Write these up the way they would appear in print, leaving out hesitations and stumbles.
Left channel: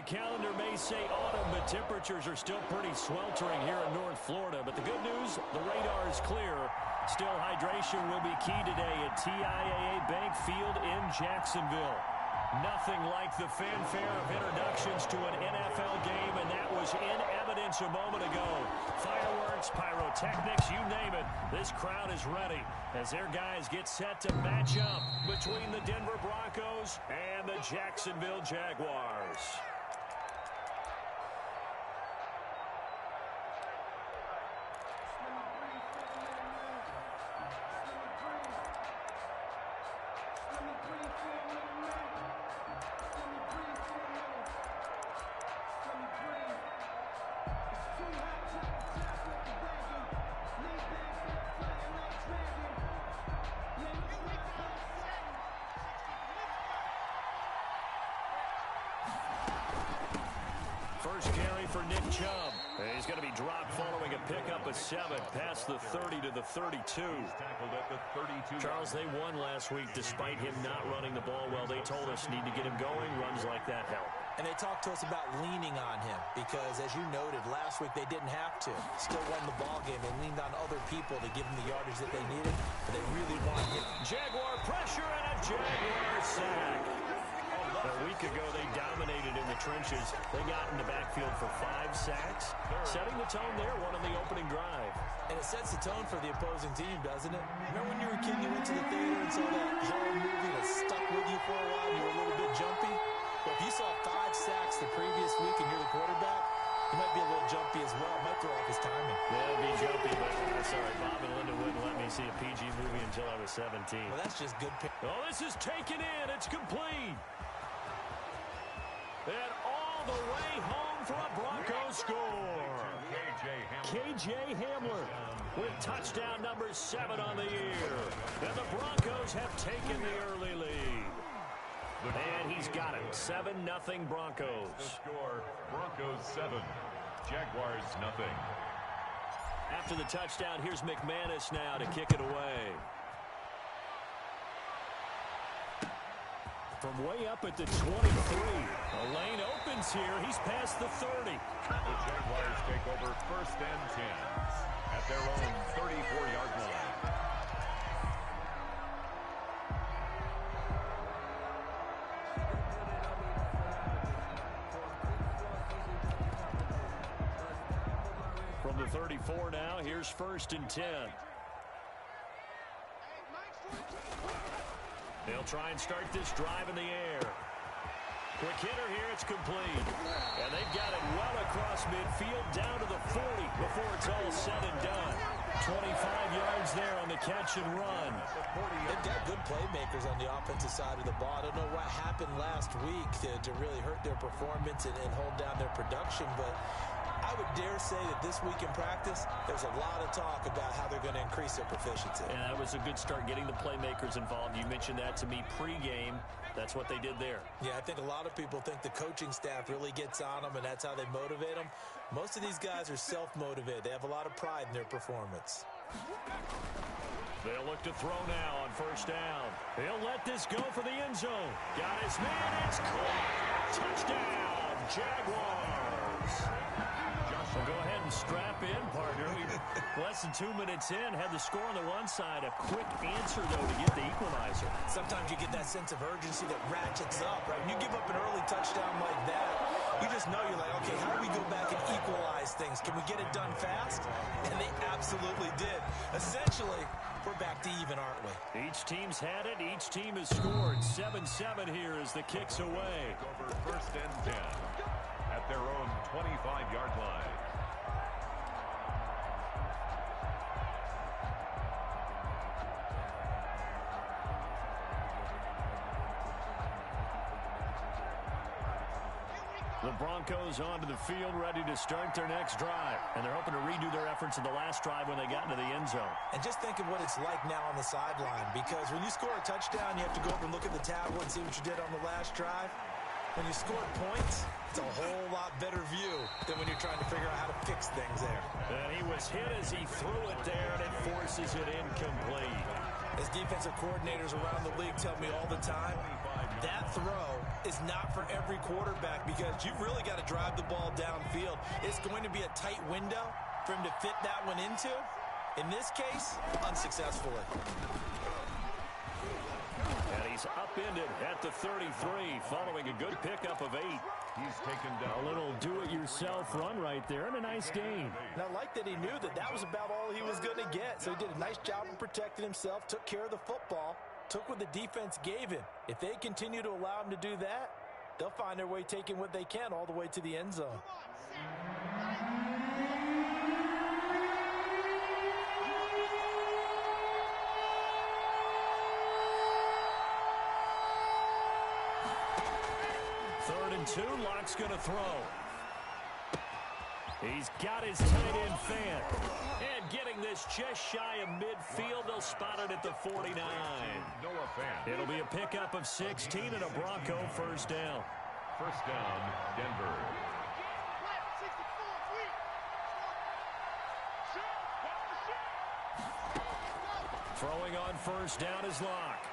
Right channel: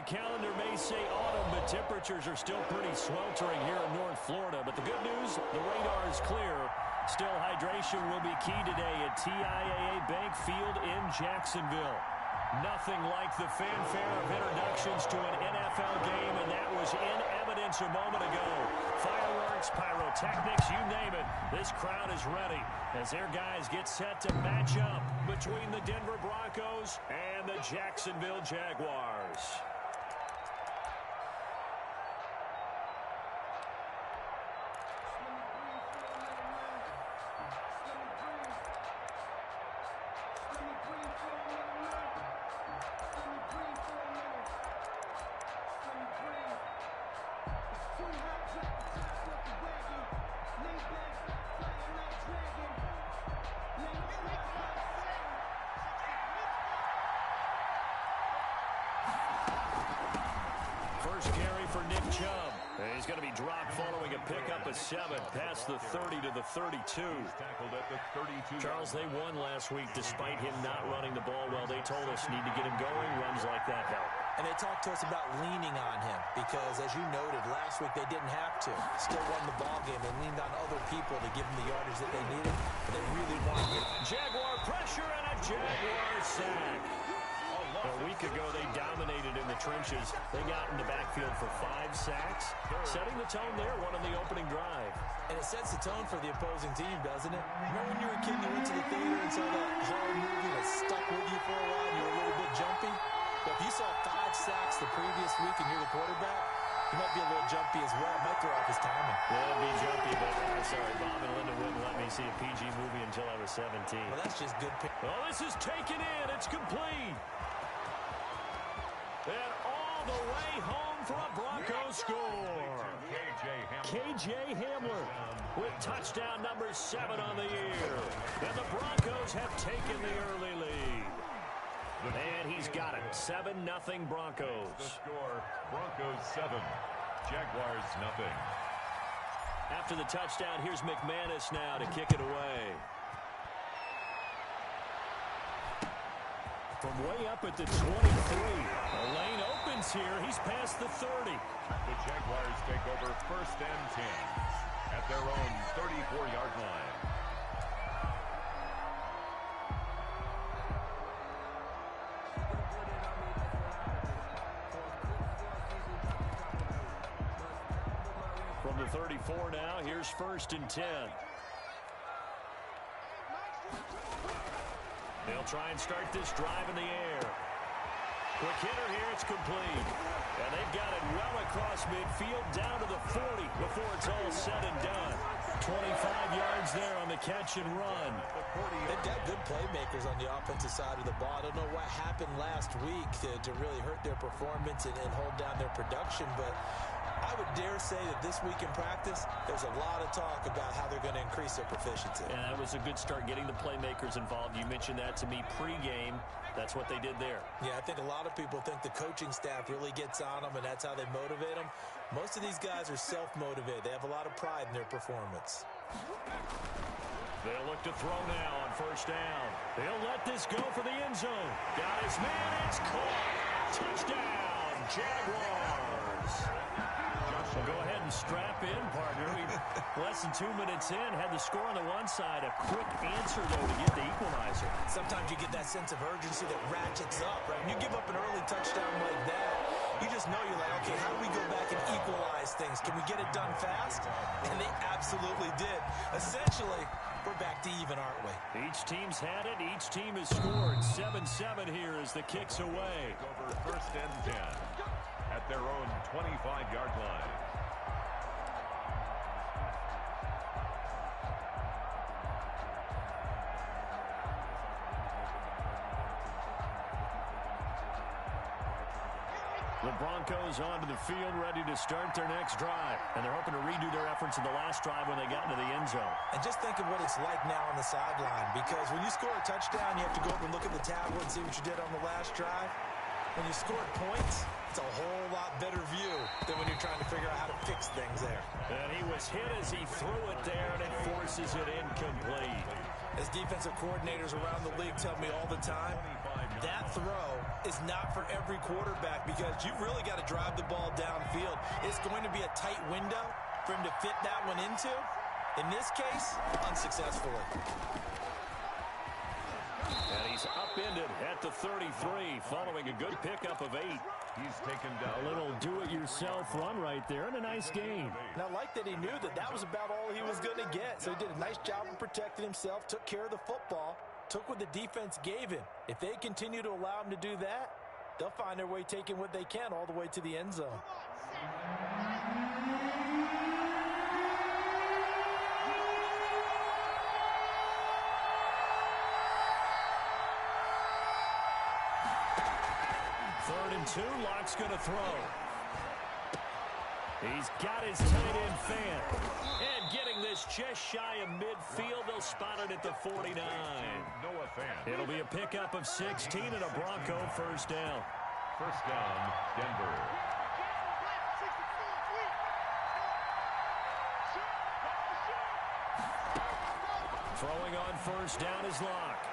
the calendar may say autumn, but temperatures are still pretty sweltering here in North Florida. But the good news, the radar is clear. Still, hydration will be key today at TIAA Bank Field in Jacksonville. Nothing like the fanfare of introductions to an NFL game, and that was in evidence a moment ago. Fireworks, pyrotechnics, you name it. This crowd is ready as their guys get set to match up between the Denver Broncos and the Jacksonville Jaguars. First carry for Nick Chubb. He's going to be dropped following a pickup of 7 past the 30 to the 32. Tackled at the 32. Charles, they won last week despite him not running the ball well. They told us need to get him going. Runs like that help. And they talked to us about leaning on him because, as you noted, last week they didn't have to. Still won the ball game. They leaned on other people to give them the yardage that they needed. But they really wanted him. Jaguar pressure and a Jaguar sack. A week ago, they dominated in the trenches. They got in the backfield for 5 sacks, setting the tone there, one on the opening drive. And it sets the tone for the opposing team, doesn't it? Remember when you were a kid, you went to the theater and saw that horror movie that stuck with you for a while and you were a little bit jumpy? Well, if you saw 5 sacks the previous week and you're the quarterback, he might be a little jumpy as well. It might throw off his timing. Yeah, it'd be jumpy, but sorry, Bob and Linda wouldn't let me see a PG movie until I was 17. Well, that's just good. Oh, this is taken in. It's complete. And all the way home for a Broncos score. KJ Hamler with touchdown number 7 on the year. And the Broncos have taken the early lead. And he's got it. 7-0 Broncos. The score, Broncos 7, Jaguars 0. After the touchdown, here's McManus now to kick it away. From way up at the 23. A lane opens here. He's past the 30. The Jaguars take over 1st and 10 at their own 34-yard line. From the 34 now, here's 1st and 10. They'll try and start this drive in the air. Quick hitter here, it's complete. And they've got it well across midfield down to the 40 before it's all said and done. 25 yards there on the catch and run. They've got good playmakers on the offensive side of the ball. I don't know what happened last week to really hurt their performance and hold down their production, but I would dare say that this week in practice, there's a lot of talk about how they're going to increase their proficiency. And that was a good start, getting the playmakers involved. You mentioned that to me pregame. That's what they did there. Yeah, I think a lot of people think the coaching staff really gets on them, and that's how they motivate them. Most of these guys are self-motivated. They have a lot of pride in their performance. They'll look to throw now on 1st down. They'll let this go for the end zone. Got his man. It's caught. Touchdown, Jaguars. Well, go ahead and strap in, partner. Less than 2 minutes in, had the score on the one side. A quick answer, though, to get the equalizer. Sometimes you get that sense of urgency that ratchets up, right? When you give up an early touchdown like that, you just know you're like, okay, how do we go back and equalize things? Can we get it done fast? And they absolutely did. Essentially, we're back to even, aren't we? Each team's had it. Each team has scored. 7-7 here as the kick's away. Over 1st and 10 at their own 25-yard line. The Broncos onto the field, ready to start their next drive. And they're hoping to redo their efforts in the last drive when they got into the end zone. And just think of what it's like now on the sideline, because when you score a touchdown, you have to go over and look at the tablet and see what you did on the last drive. When you scored points, it's a whole lot better view than when you're trying to figure out how to fix things there. And he was hit as he threw it there, and it forces it incomplete. As defensive coordinators around the league tell me all the time, that throw is not for every quarterback because you've really got to drive the ball downfield. It's going to be a tight window for him to fit that one into. In this case, unsuccessfully. And he's upended at the 33 following a good pickup of 8. He's taken down. A little do-it-yourself run right there and a nice gain. And I like that he knew that that was about all he was going to get. So he did a nice job of protecting himself, took care of the football, took what the defense gave him. If they continue to allow him to do that, they'll find their way taking what they can all the way to the end zone. Third and 2, Locke's going to throw. He's got his tight end fan. And getting this just shy of midfield, they'll spot it at the 49. It'll be a pickup of 16 and a Bronco first down. First down, Denver. Throwing on first down is Locke.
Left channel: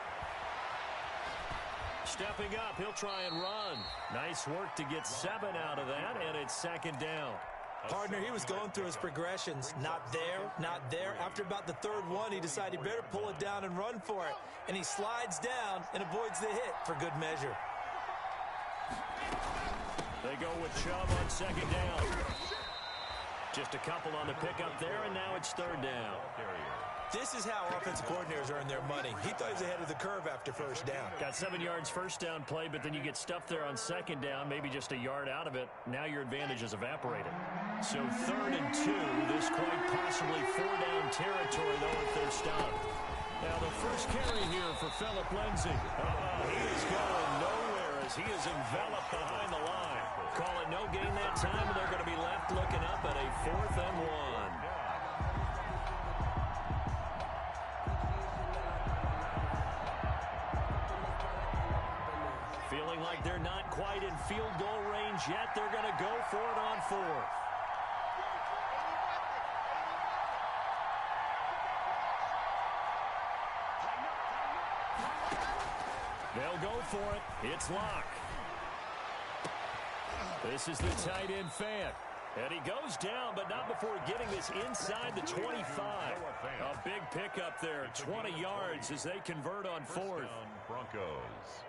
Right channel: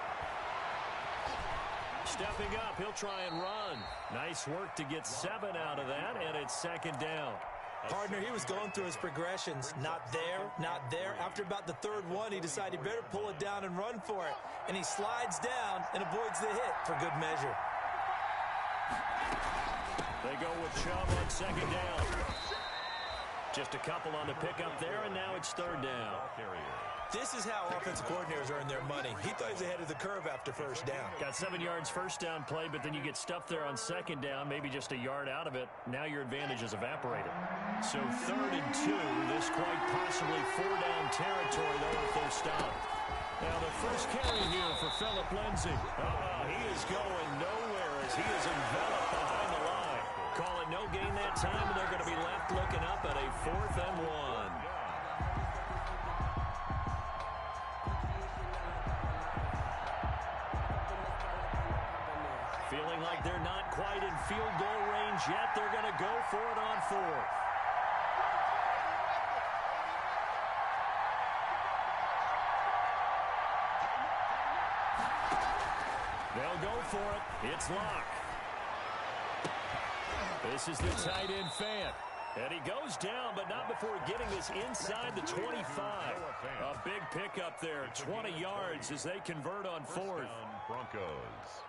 Stepping up, he'll try and run. Nice work to get 7 out of that, and it's second down. Partner, he was going through his progressions. Not there, not there. After about the third one, he decided he better pull it down and run for it. And he slides down and avoids the hit for good measure. They go with Chubb on second down. Just a couple on the pickup there, and now it's third down. This is how offensive coordinators earn their money. He thought he was ahead of the curve after first down. Got 7 yards first down play, but then you get stuffed there on second down, maybe just a yard out of it. Now your advantage is evaporated. So third and 2, this quite possibly 4-down territory, though, if they're stopped. Now the first carry here for Phillip Lindsay. He is going nowhere as he is enveloped behind the line. Call it no gain that time, and they're going to be left looking up at a 4th and 1. Feeling like they're not quite in field goal range yet. They're going to go for it on 4th. They'll go for it. It's Locke. This is the tight end fan. And he goes down, but not before getting this inside the 25. A big pickup there, 20 yards as they convert on 4th. Broncos.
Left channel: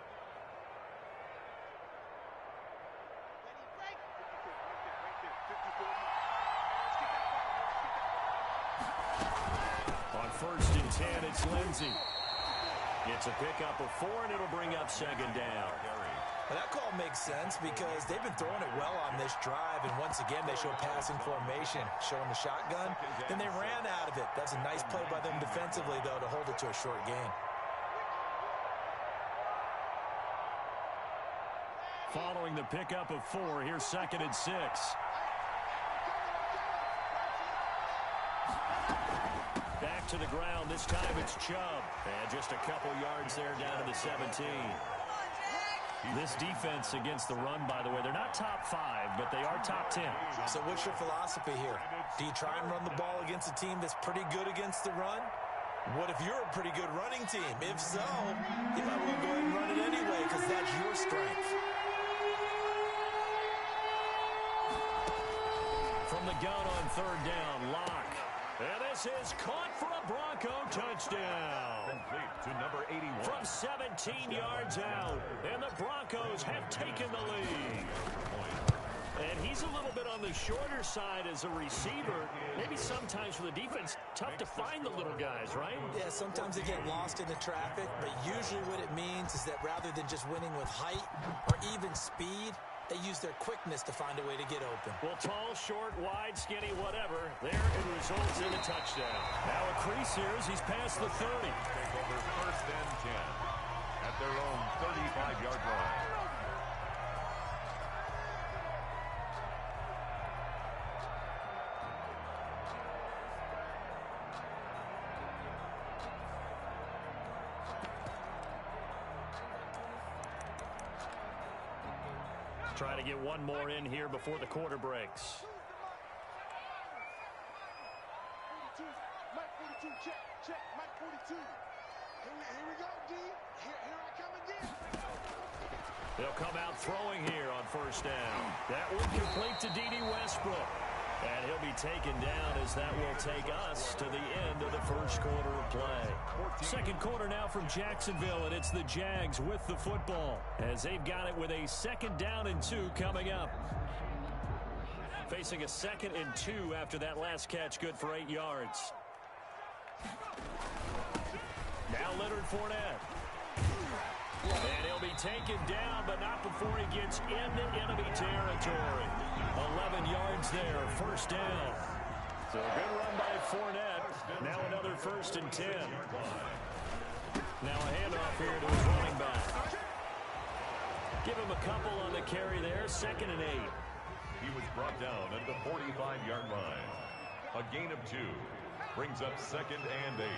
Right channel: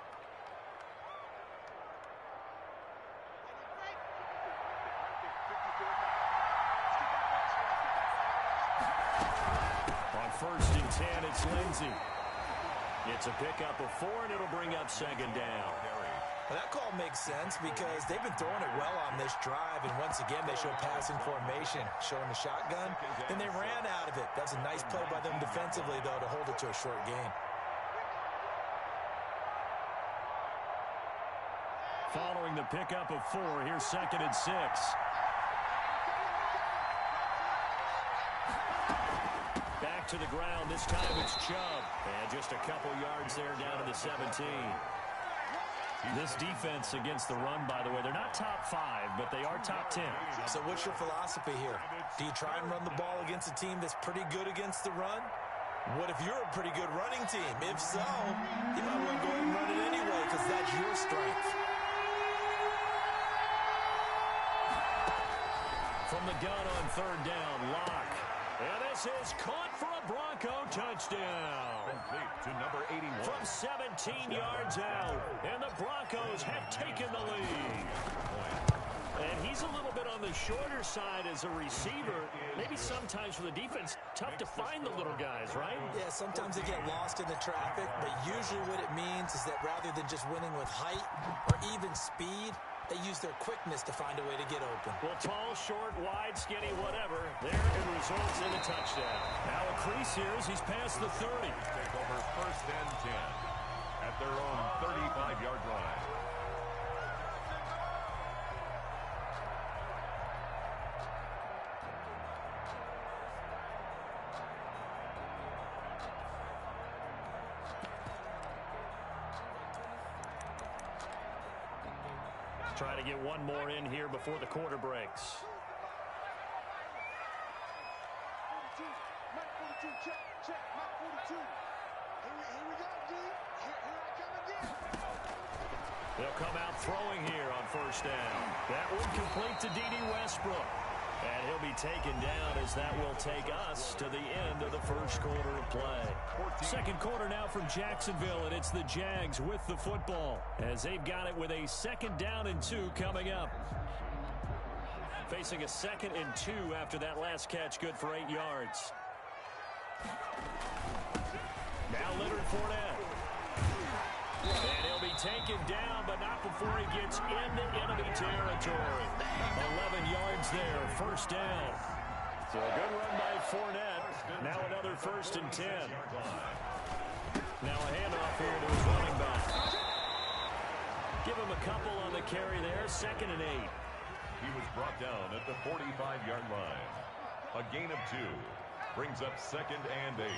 On 1st and 10, it's Lindsay. It's a pickup of 4, and it'll bring up second down. Well, that call makes sense because they've been throwing it well on this drive, and once again, they show passing formation, showing the shotgun. Then they ran out of it. That's a nice play by them defensively, though, to hold it to a short gain. Following the pickup of 4, here's 2nd and 6. Back to the ground. This time it's Chubb. And just a couple yards there down to the 17. This defense against the run, by the way, they're not top 5, but they are top 10. So what's your philosophy here? Do you try and run the ball against a team that's pretty good against the run? What if you're a pretty good running team? If so, you might want to go ahead and run it anyway because that's your strength. From the gun on 3rd down, Locke. And this is caught for a Bronco touchdown. Complete to number 81. From 17 yards out. And the Broncos have taken the lead. And he's a little bit on the shorter side as a receiver. Maybe sometimes for the defense, tough to find the little guys, right? Yeah, sometimes they get lost in the traffic, but usually what it means is that rather than just winning with height or even speed, they use their quickness to find a way to get open. Well, tall, short, wide, skinny, whatever. There it results in a touchdown. Now a crease here as he's past the 30. Take over 1st and 10 at their own 35-yard line. Try to get one more in here before the quarter breaks. Mike 42, check, Mike 42. Here we go, D. Here I come again. They'll come out throwing here on first down. That would complete to D.D. Westbrook. And he'll be taken down as that will take us to the end of the first quarter of play. Second quarter now from Jacksonville, and it's the Jags with the football as they've got it with a 2nd down and 2 coming up. Facing a 2nd and 2 after that last catch, good for 8 yards. Now Leonard Fournette. And he'll be taken down, but not before he gets into enemy territory. 11 yards there, first down. So a good run by Fournette. Now another 1st and 10. Now a handoff here to his running back. Give him a couple on the carry there, 2nd and 8. He was brought down at the 45-yard line. A gain of 2. Brings up 2nd and 8.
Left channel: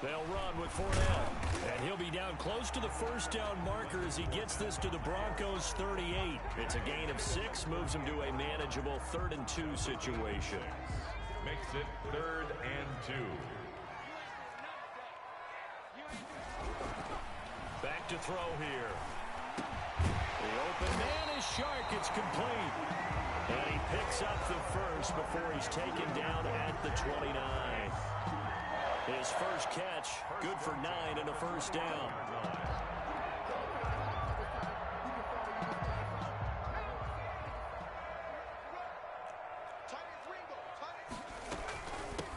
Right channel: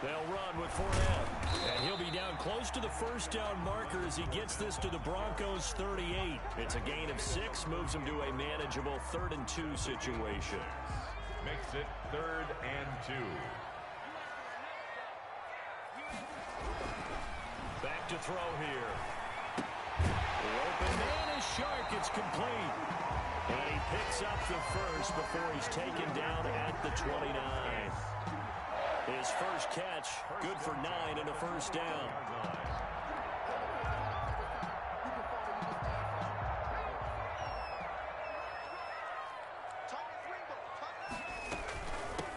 They'll run with Fournette. And he'll be down close to the first down marker as he gets this to the Broncos 38. It's a gain of 6, moves him to a manageable 3rd and 2 situation. Makes it 3rd and 2. Back to throw here. The open man is Shark. It's complete. And he picks up the first before he's taken down at the 29. His first catch, good for 9 and a first down.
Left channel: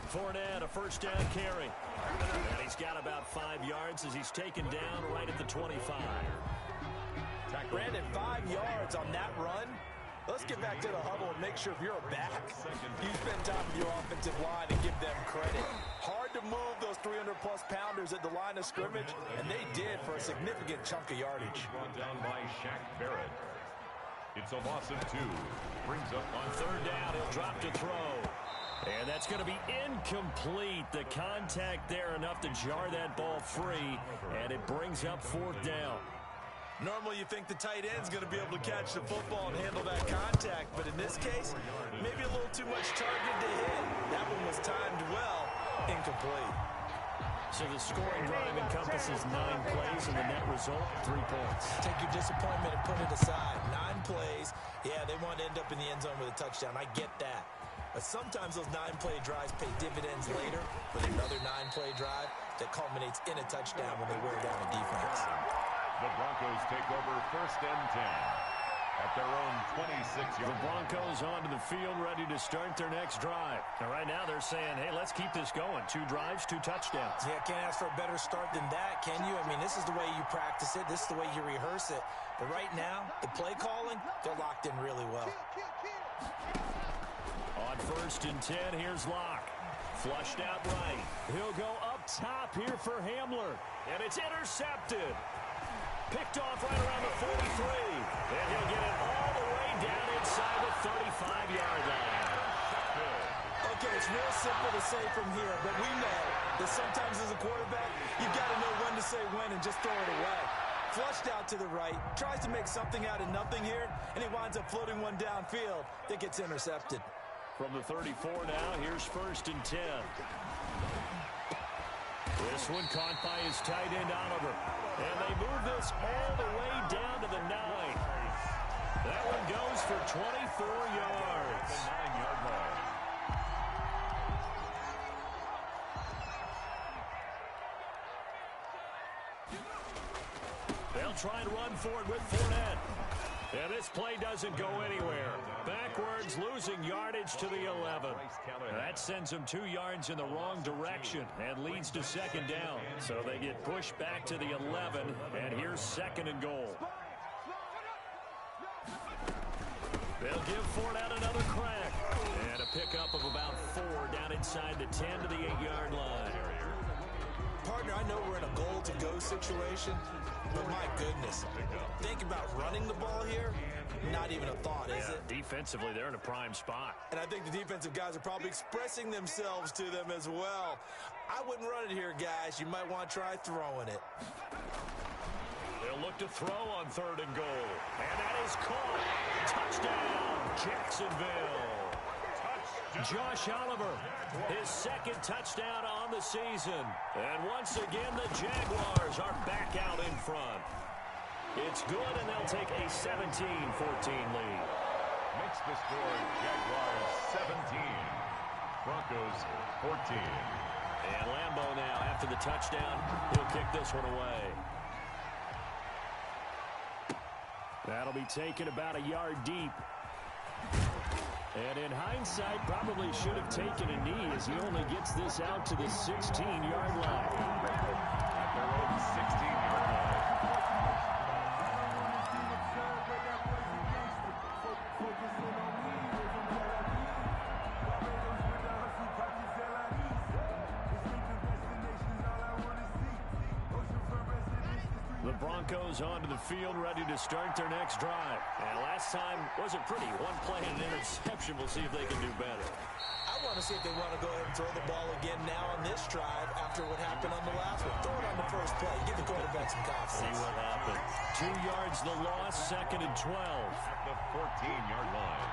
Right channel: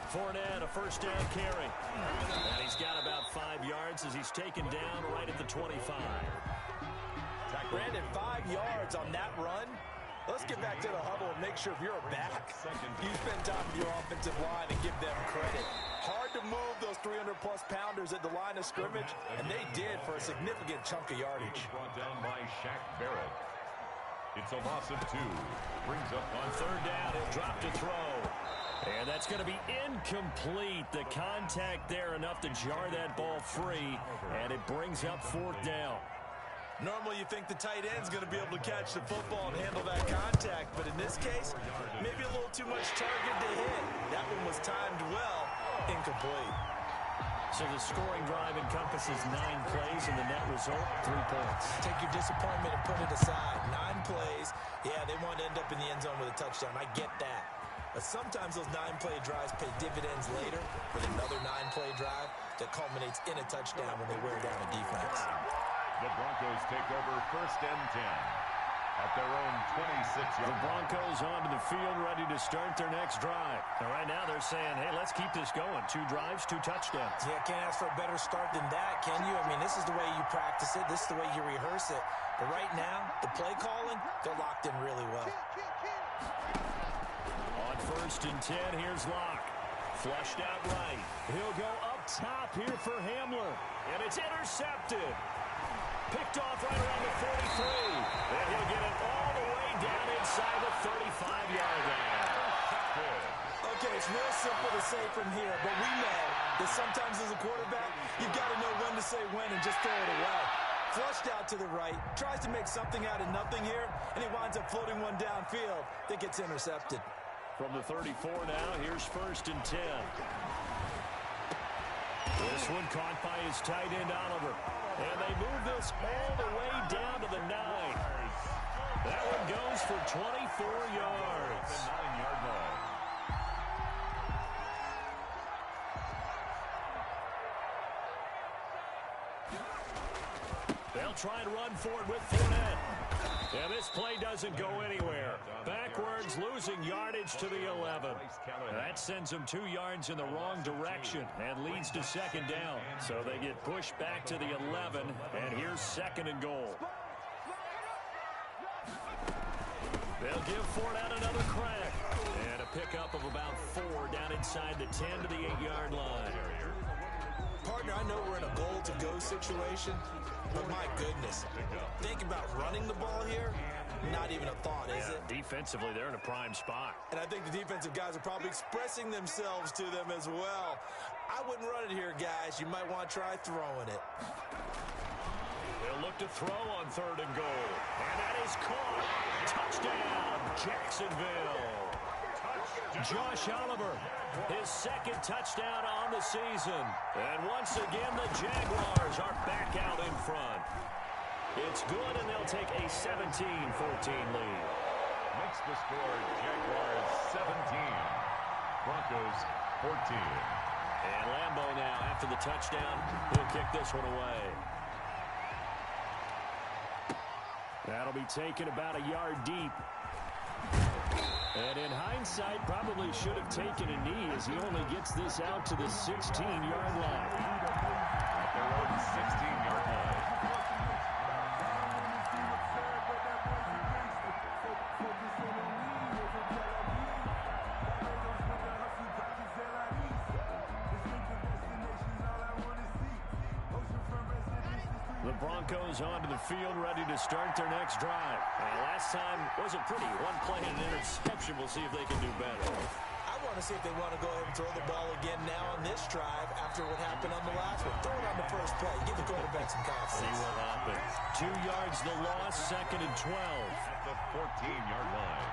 Fournette, a first down carry. And he's got about 5 yards as he's taken down right at the 25. Brandon, 5 yards on that run. Let's get back to the huddle and make sure if you're a back, you spend time with your offensive line and give them credit. Hard to move those 300-plus pounders at the line of scrimmage, and they did for a significant chunk of yardage. Brought down by Shaq Barrett. It's a loss of 2. Brings up on 3rd down. He'll drop to throw. And that's going to be incomplete. The contact there enough to jar that ball free, and it brings up 4th down. Normally you think the tight end's going to be able to catch the football and handle that contact, but in this case, maybe a little too much target to hit. That one was timed well, incomplete. So the scoring drive encompasses 9 plays, and the net result, 3 points. Take your disappointment and put it aside. 9 plays, yeah, they want to end up in the end zone with a touchdown. I get that. But sometimes those 9-play drives pay dividends later with another 9-play drive that culminates in a touchdown when they wear down a defense. The Broncos take over 1st and 10 at their own 26-yard. The Broncos onto the field ready to start their next drive. And right now they're saying, hey, let's keep this going. 2 drives, 2 touchdowns. Yeah, can't ask for a better start than that, can you? I mean, this is the way you practice it. This is the way you rehearse it. But right now, the play calling, they're locked in really well. On 1st and 10, here's Locke. Flushed out right. He'll go up top here for Hamler. And it's intercepted. Picked off right around the 43. And he'll get it all the way down inside the 35-yard line. Okay, it's real simple to say from here, but we know that sometimes as a quarterback, you've got to know when to say when and just throw it away. Flushed out to the right, tries to make something out of nothing here, and he winds up floating one downfield that gets intercepted. From the 34 now, here's 1st and 10. This one caught by his tight end, Oliver. And they move this all the way down to the 9. That one goes for 24 yards. The 9-yard line. They'll try and run for it with Fournette. And this play doesn't go anywhere. Backwards, losing yardage to the 11. That sends them 2 yards in the wrong direction and leads to 2nd down. So they get pushed back to the 11, and here's 2nd and goal. They'll give Fournette another crack. And a pickup of about 4 down inside the 10 to the 8-yard line. Partner, I know we're in a goal-to-go situation, but my goodness, think about running the ball here, not even a thought, is it? Defensively, they're in a prime spot. And I think the defensive guys are probably expressing themselves to them as well. I wouldn't run it here, guys. You might want to try throwing it. They'll look to throw on 3rd and goal. And that is caught. Touchdown, Jacksonville. Josh Oliver, his 2nd touchdown on the season. And once again, the Jaguars are back out in front. It's good, and they'll take a 17-14 lead. Makes the score Jaguars 17, Broncos 14. And Lambeau now, after the touchdown, he'll kick this one away. That'll be taken about a yard deep. And in hindsight, probably should have taken a knee as he only gets this out to the 16-yard line. At their own 16-yard line. The Broncos onto the field, ready to start their next drive. And last time wasn't pretty. One play and an interception. We'll see if they can do better. I want to see if they want to go ahead and throw the ball again now on this drive after what happened on the last one. Throw it on the first play. Give the quarterback some confidence. See what happens. 2 yards the loss, 2nd and 12. At the 14-yard line.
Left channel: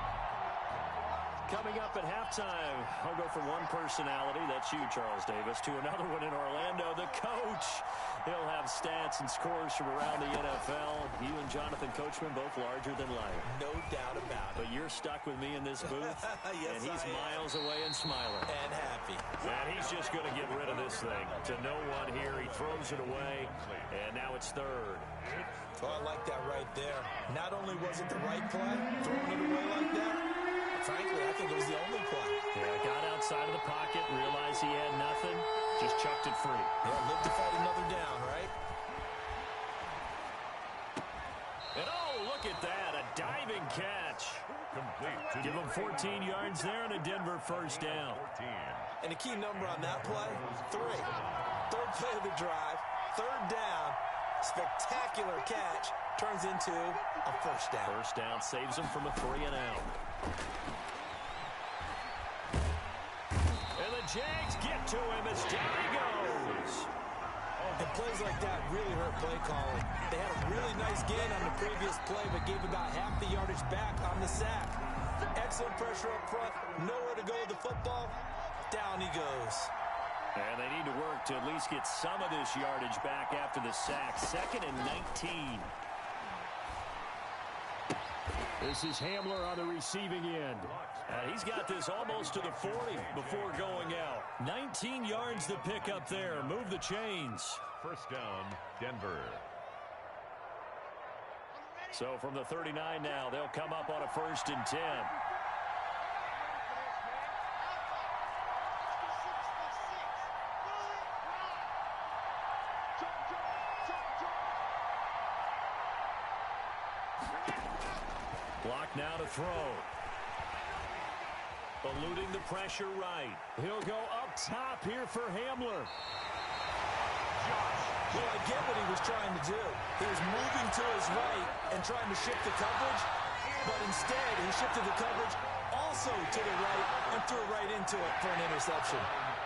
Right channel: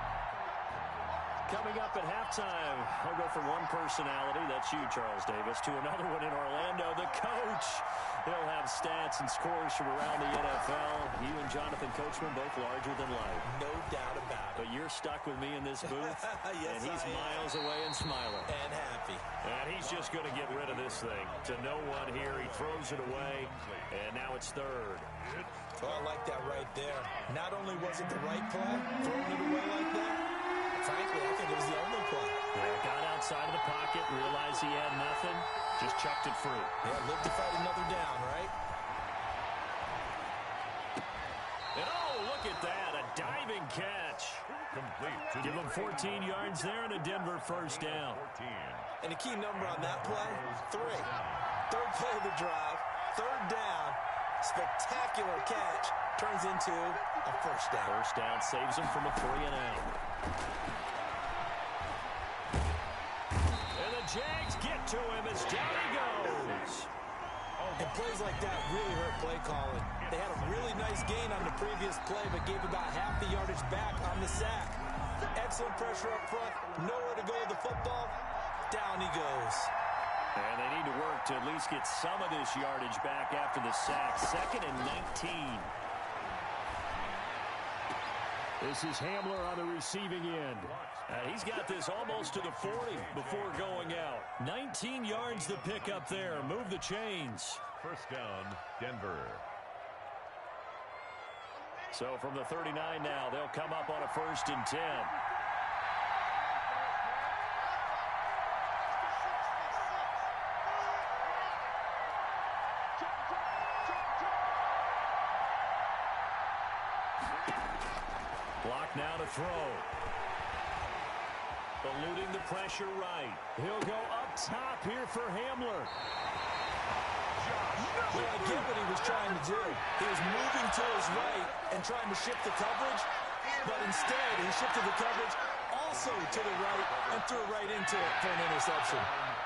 Coming up at halftime, I'll go from one personality, that's you, Charles Davis, to another one in Orlando, the coach. He'll have stats and scores from around the NFL. You and Jonathan Coachman, both larger than life. No doubt about it. But you're stuck with me in this booth, yes, and he's miles away and smiling. And happy. And he's just going to get rid of this thing. To no one here, he throws it away, and now it's 3rd. Oh, I like that right there. Not only was it the right play, throwing it away like that, frankly, I think it was the only play. Yeah, got outside of the pocket, realized he had nothing, just chucked it free. Yeah, live to fight another down, right? And oh, look at that, a diving catch. Complete. Give him 14 yards there and a Denver first down. 14. And the key number on that play, 3. 3rd play of the drive, 3rd down, spectacular catch, turns into a first down. First down saves him from a 3-and-out. And the Jags get to him as down he goes. And plays like that really hurt play calling. They had a really nice gain on the previous play, but gave about half the yardage back on the sack. Excellent pressure up front, nowhere to go with the football. Down he goes. And they need to work to at least get some of this yardage back after the sack. 2nd and 19. This is Hamler on the receiving end. He's got this almost to the 40 before going out. 19 yards to pick up there. Move the chains. First down, Denver. So from the 39 now, they'll come up on a 1st and 10. Block now to throw. Eluding the pressure right. He'll go up top here for Hamler. Well, I get what he was trying to do. He was moving to his right and trying to shift the coverage, but instead he shifted the coverage also to the right and threw right into it for an interception.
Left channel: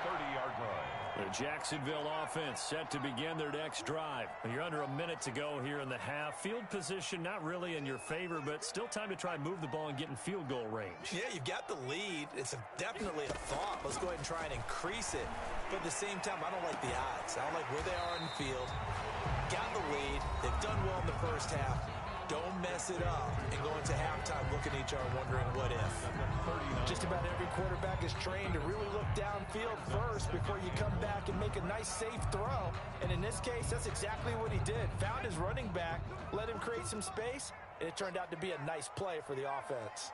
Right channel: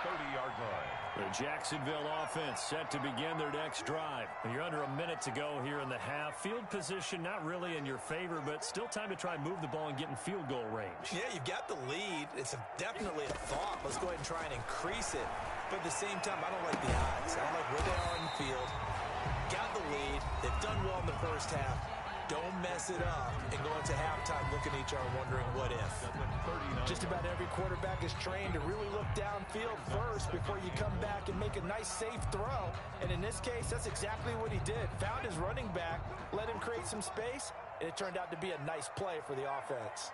30-yard line. The Jacksonville offense set to begin their next drive. You're under a minute to go here in the half. Field position not really in your favor, but still time to try and move the ball and get in field goal range. Yeah, you've got the lead. It's definitely a thought. Let's go ahead and try and increase it. But at the same time, I don't like the odds. I don't like where they are in the field. Got the lead. They've done well in the first half. Don't mess it up and go into halftime looking at each other wondering what if. Just about every quarterback is trained to really look downfield first before you come back and make a nice safe throw. And in this case, that's exactly what he did. Found his running back, let him create some space, and it turned out to be a nice play for the offense.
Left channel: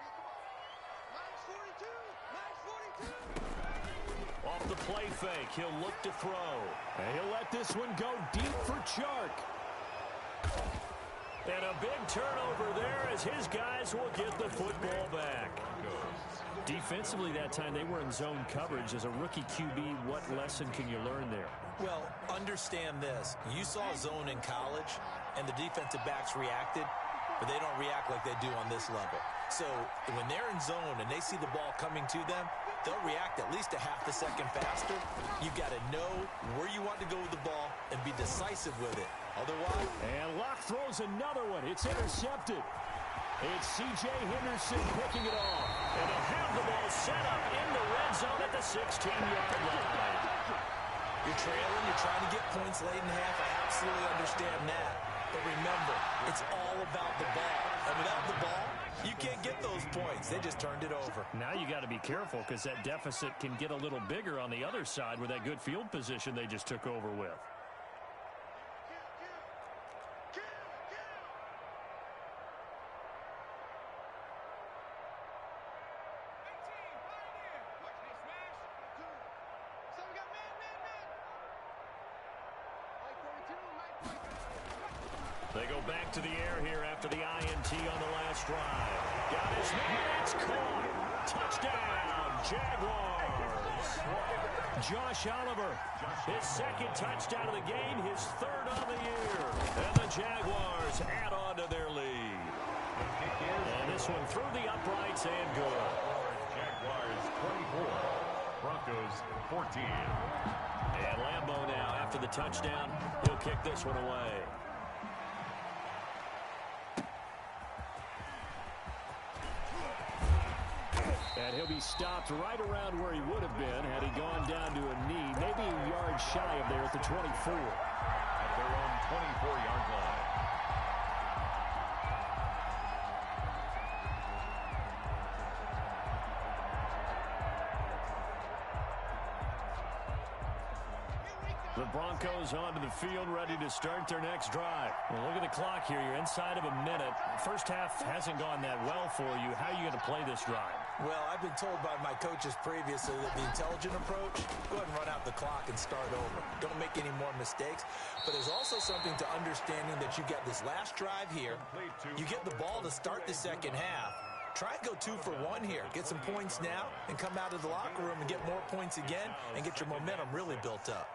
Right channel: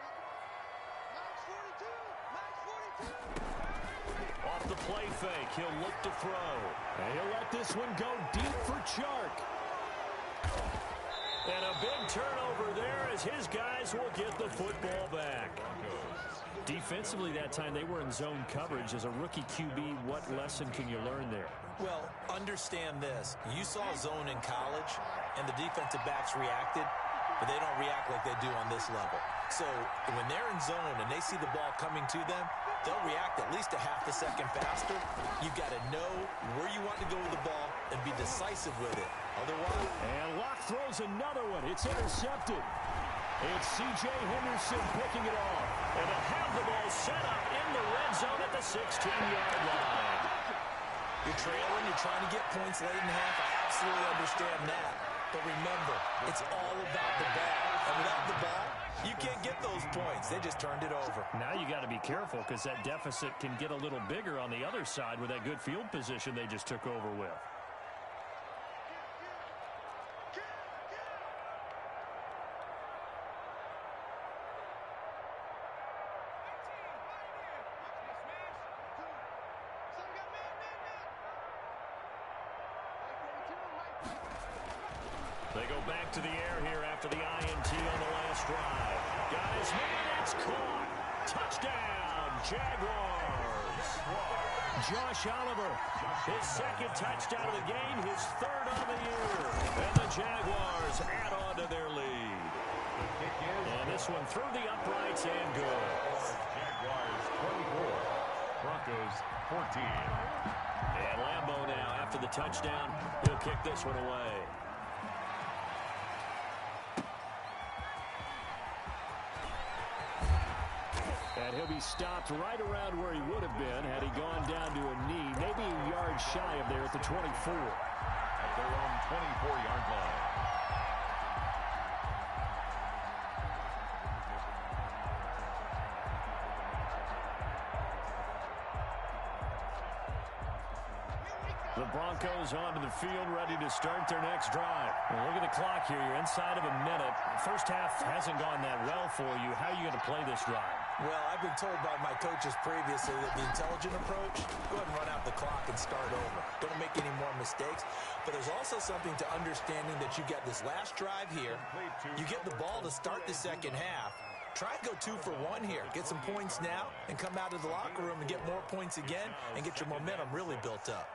Off the play fake, he'll look to throw. And he'll let this one go deep for Chark. And a big turnover there as his guys will get the football back. Defensively that time, they were in zone coverage. As a rookie QB, what lesson can you learn there? Well, understand this. You saw zone in college, and the defensive backs reacted, but they don't react like they do on this level. So when they're in zone and they see the ball coming to them, they'll react at least a half a second faster. You've got to know where you want to go with the ball and be decisive with it. Otherwise... And Locke throws another one. It's intercepted. It's C.J. Henderson picking it off. And he'll have the ball set up in the red zone at the 16-yard line. You're trailing. You're trying to get points late in half. I absolutely understand that. But remember, it's all about the ball. And without the ball, you can't get those points. They just turned it over. Now you got to be careful because that deficit can get a little bigger on the other side with that good field position they just took over with. They go back to the air here after the INT on the last drive. Got his man, it's caught. Touchdown, Jaguars. Josh Oliver, his second touchdown of the game, his third on the year. And the Jaguars add on to their lead. The kick is, and this one through the uprights and good. Jaguars 24, Broncos 14. And Lambeau now, after the touchdown, he'll kick this one away. And he'll be stopped right around where he would have been had he gone down to a knee, maybe a yard shy of there at the 24. At their own 24-yard line. The Broncos onto the field, ready to start their next drive. Well, look at the clock here. You're inside of a minute. First half hasn't gone that well for you. How are you going to play this drive? Well, I've been told by my coaches previously that the intelligent approach, go ahead and run out the clock and start over. Don't make any more mistakes. But there's also something to understanding that you got this last drive here. You get the ball to start the second half. Try and go 2 for 1 here. Get some points now and come out of the locker room and get more points again and get your momentum really built up.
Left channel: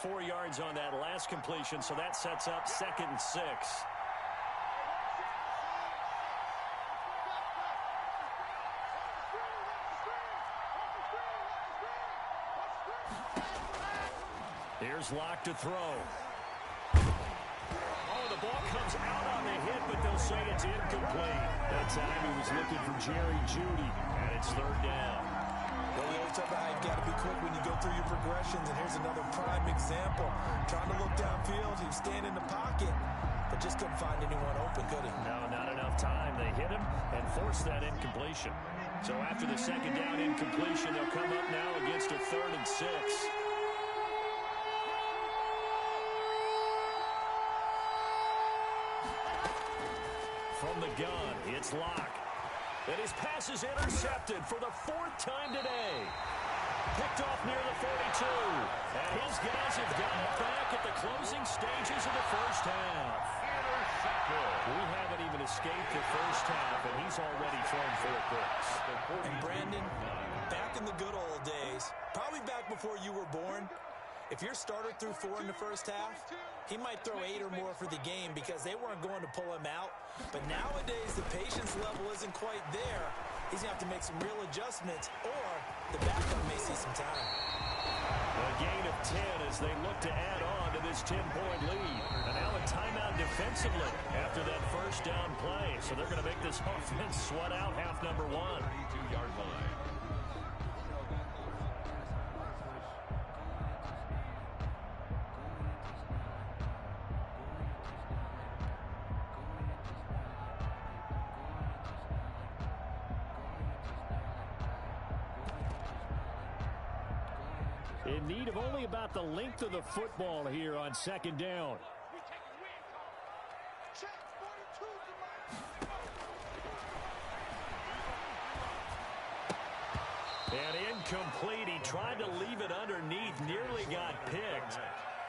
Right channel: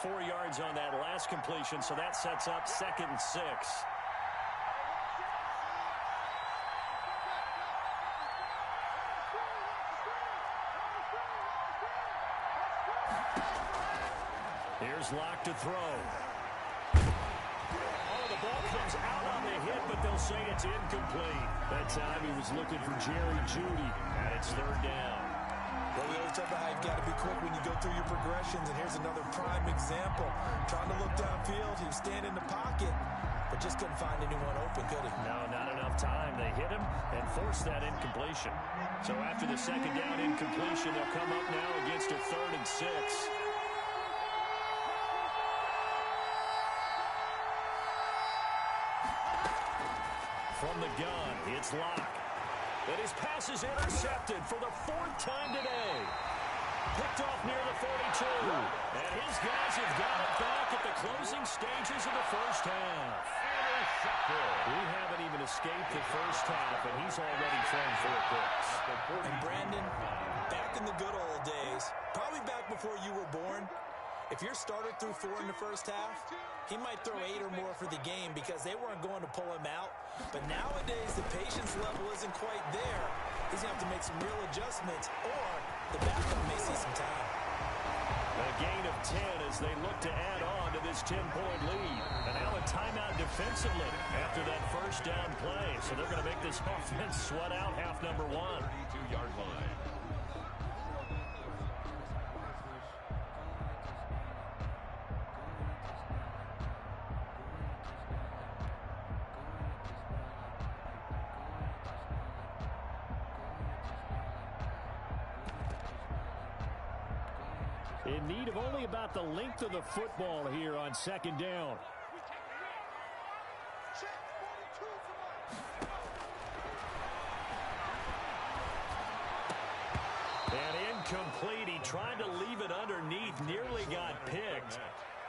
4 yards on that last completion, so that sets up 2nd and 6. Here's Locke to throw. Oh, the ball comes out on the hit, but they'll say it's incomplete. That time he was looking for Jerry Jeudy, and it's 3rd down. Well, we always talk about how you've got to be quick when you go through your progressions, and here's another prime example. Trying to look downfield, he was standing in the pocket, but just couldn't find anyone open, could he? No, not enough time. They hit him and forced that incompletion. So after the 2nd down incompletion, they'll come up now against a 3rd and 6. From the gun, it's Locke. And his pass is intercepted for the 4th time today. Picked off near the 42. And his guys have got it back at the closing stages of the first half. Intercepted. We haven't even escaped the first half, and he's already thrown 4 picks. And Brandon, back in the good old days, probably back before you were born, if your starter threw 4 in the first half, he might throw 8 or more for the game because they weren't going to pull him out. But nowadays, the patience level isn't quite there. He's going to have to make some real adjustments, or the backup may see some time. A gain of 10 as they look to add on to this 10-point lead. And now a timeout defensively after that first down play. So they're going to make this offense sweat out half number 1. 32-yard line. In need of only about the length of the football here on 2nd down. And incomplete. He tried to leave it underneath. Nearly got picked.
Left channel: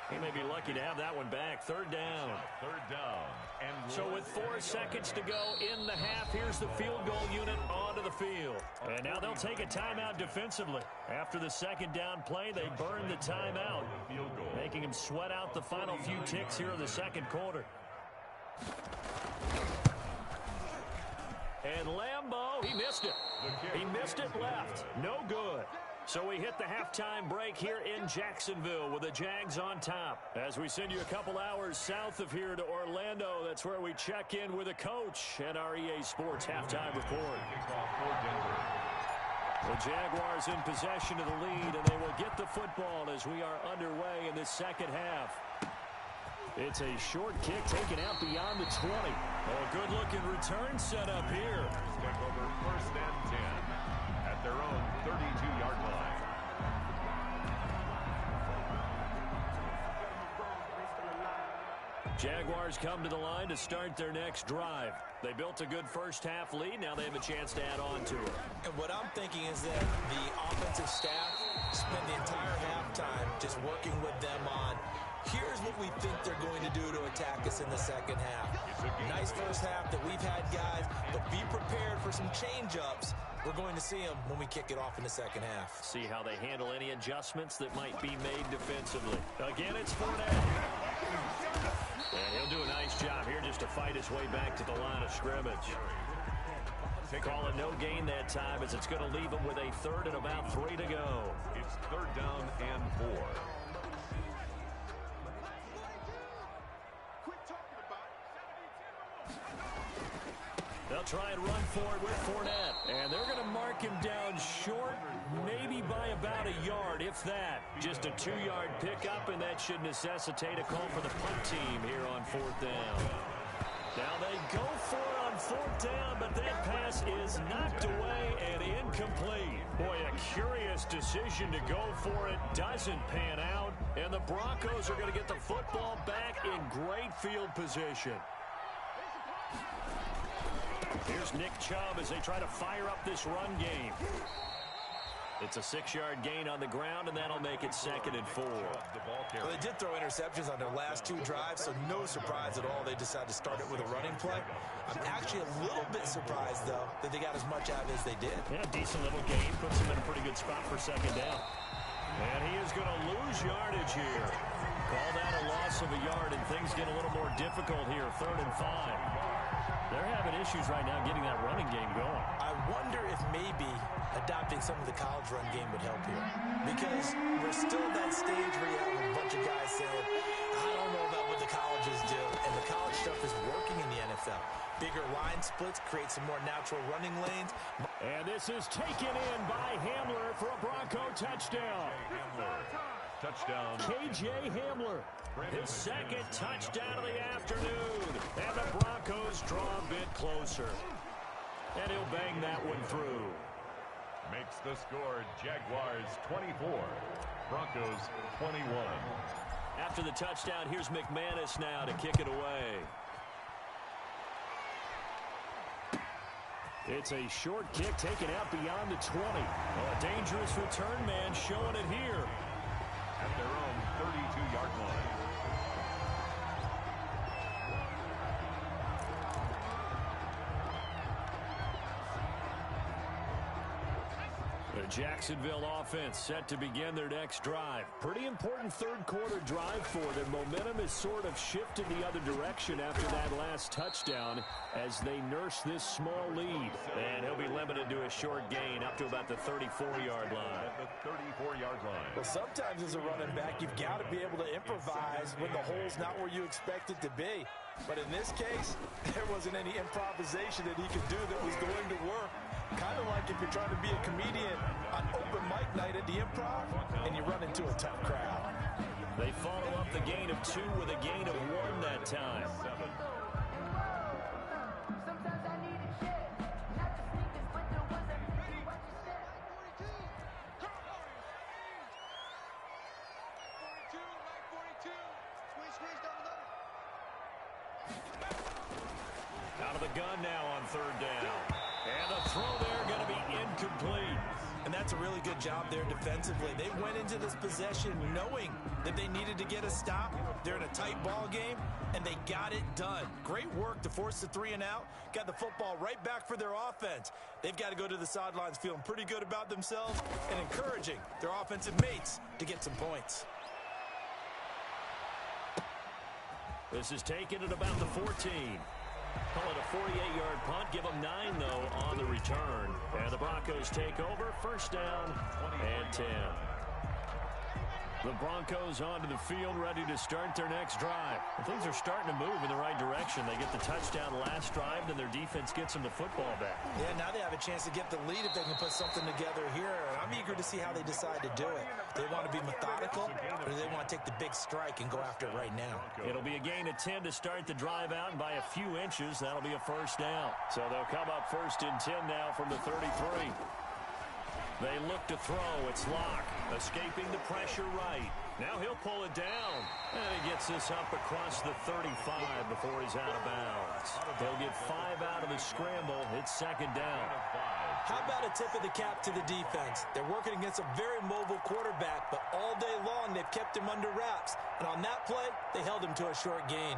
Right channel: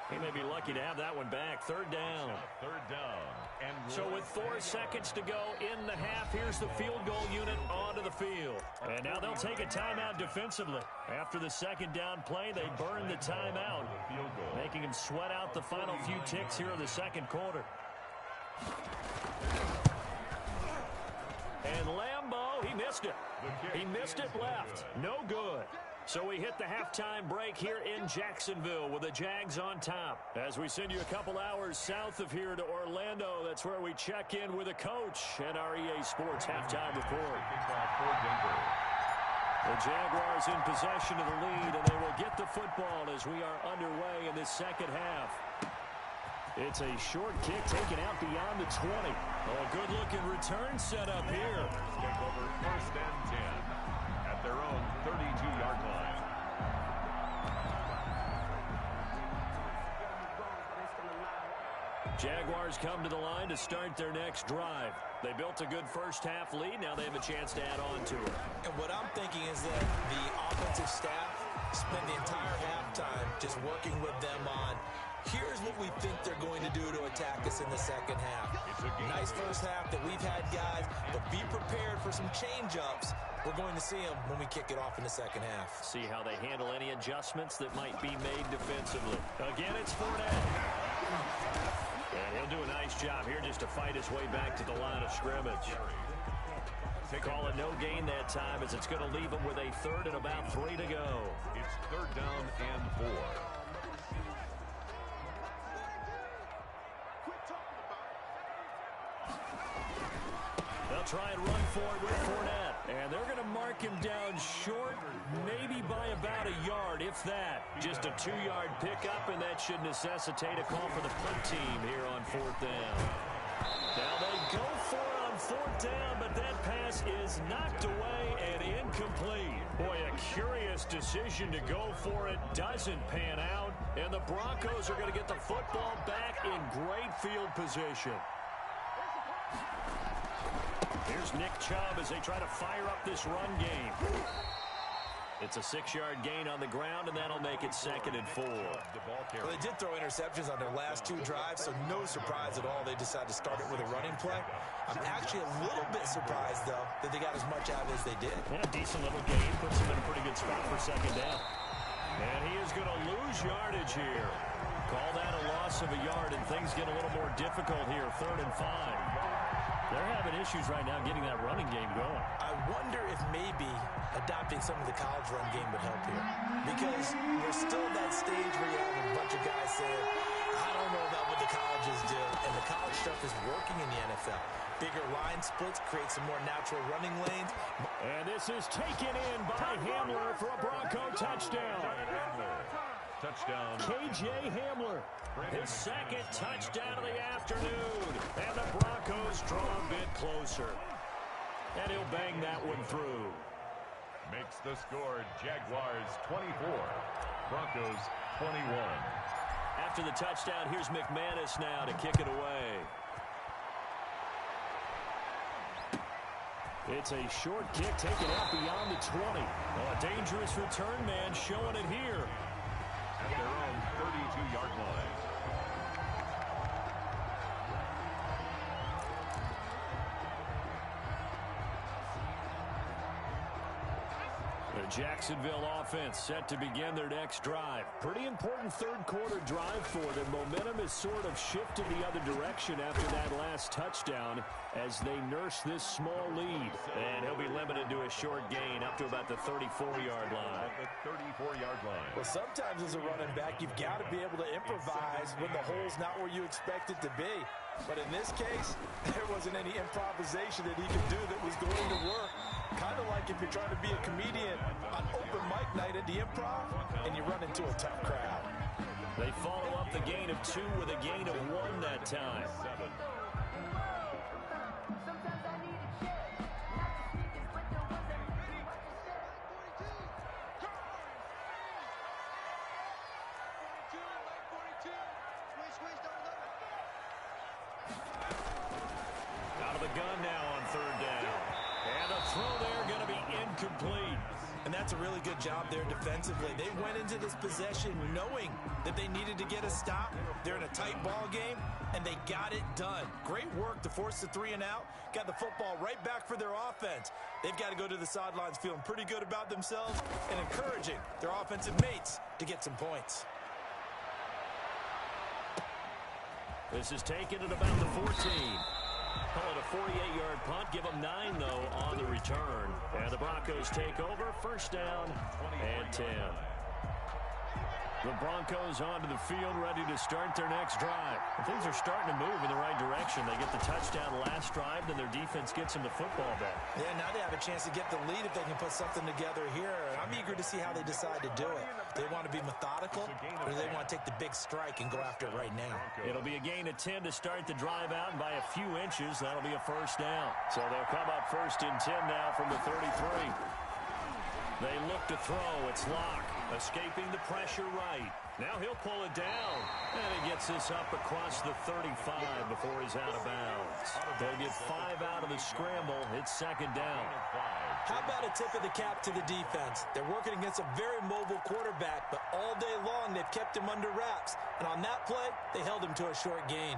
He may be lucky to have that one back. 3rd down. 3rd down. And so with 4 seconds to go in the half, here's the field goal unit onto the field. And now they'll take a timeout defensively. After the 2nd down play, they burn the timeout, making him sweat out the final few ticks here in the 2nd quarter. And Lambeau, he missed it. He missed it left. No good. So we hit the halftime break here in Jacksonville with the Jags on top. As we send you a couple hours south of here to Orlando, that's where we check in with a coach and our EA Sports halftime report. Kickoff for Denver. The Jaguars in possession of the lead, and they will get the football as we are underway in this second half. It's a short kick taken out beyond the 20. Oh, a good-looking return set up here. Take over 1st and 10 at their own 32-yard line. Jaguars come to the line to start their next drive. They built a good first-half lead. Now they have a chance to add on to it. And what I'm thinking is that the offensive staff spent the entire halftime just working with them on, here's what we think they're going to do to attack us in the second half. Nice first half that we've had, guys, but be prepared for some change-ups. We're going to see them when we kick it off in the second half. See how they handle any adjustments that might be made defensively. Again, it's Fournette. And he'll do a nice job here just to fight his way back to the line of scrimmage. Call it no gain that time as it's going to leave him with a 3rd and about 3 to go. It's 3rd down and 4. They'll try and run for it with Fournette. And they're going to mark him down short, maybe by about a yard, if that. Just a 2-yard pickup, and that should necessitate a call for the punt team here on 4th down. Now they go for it on 4th down, but that pass is knocked away and incomplete. Boy, a curious decision to go for it. Doesn't pan out, and the Broncos are going to get the football back in great field position. Here's Nick Chubb as they try to fire up this run game. It's a 6-yard gain on the ground, and that'll make it 2nd and 4. Well, they did throw interceptions on their last 2 drives, so no surprise at all they decided to start it with a running play. I'm actually a little bit surprised, though, that they got as much out as they did. Yeah, decent little gain. Puts them in a pretty good spot for 2nd down. And he is going to lose yardage here. Call that a loss of a yard, and things get a little more difficult here. 3rd and 5. They're having issues right now getting that running game going. I wonder if maybe adopting some of the college run game would help here. Because we're still at that stage where you have a bunch of guys saying, I don't know about what the colleges do. And the college stuff is working in the NFL. Bigger line splits create some more natural running lanes. And this is taken in by Hamler for a Bronco touchdown. Touchdown. K.J. Hamler, his 2nd touchdown of the afternoon. And the Broncos draw a bit closer. And he'll bang that one through. Makes the score Jaguars 24, Broncos 21. After the touchdown, here's McManus now to kick it away. It's a short kick taken out beyond the 20. Oh, a dangerous return man showing it here. At their own 32-yard line. The Jacksonville offense set to begin their next drive. Pretty important 3rd quarter drive for them. Momentum has sort of shifted the other direction after that last touchdown as they nurse this small lead. And he'll be limited to a short gain up to about the 34-yard line. At the 34-yard line. Well, sometimes as a running back, you've got to be able to improvise when the hole's not where you expect it to be. But in this case, there wasn't any improvisation that he could do that was going to work. Kind of like if you're trying to be a comedian on open mic night at the Improv and you run into a tough crowd. They follow up the gain of 2 with a gain of 1 that time. 7. Out of the gun now on 3rd down. And the throw there going to be incomplete. And that's a really good job there defensively. They went into this possession knowing that they needed to get a stop. They're in a tight ball game, and they got it done. Great work to force the 3 and out. Got the football right back for their offense. They've got to go to the sidelines feeling pretty good about themselves and encouraging their offensive mates to get some points. This is taken at about the 14. Call it a 48-yard punt. Give them 9, though, on the return. And the Broncos take over. 1st down and 10. The Broncos onto the field, ready to start their next drive. Things are starting to move in the right direction. They get the touchdown last drive, then their defense gets them the football back. Yeah, now they have a chance to get the lead if they can put something together here. I'm eager to see how they decide to do it. They want to be methodical, or do they want to take the big strike and go after it right now? It'll be a gain of 10 to start the drive out, and by a few inches, that'll be a first down. So they'll come up first and 10 now from the 33. They look to throw. It's Locke, escaping the pressure right. Now he'll pull it down. And he gets this up across the 35 before he's out of bounds. They'll get 5 out of the scramble. It's second down. How about a tip of the cap to the defense? They're working against a very mobile quarterback, but all day long they've kept him under wraps. And on that play, they held him to a short gain.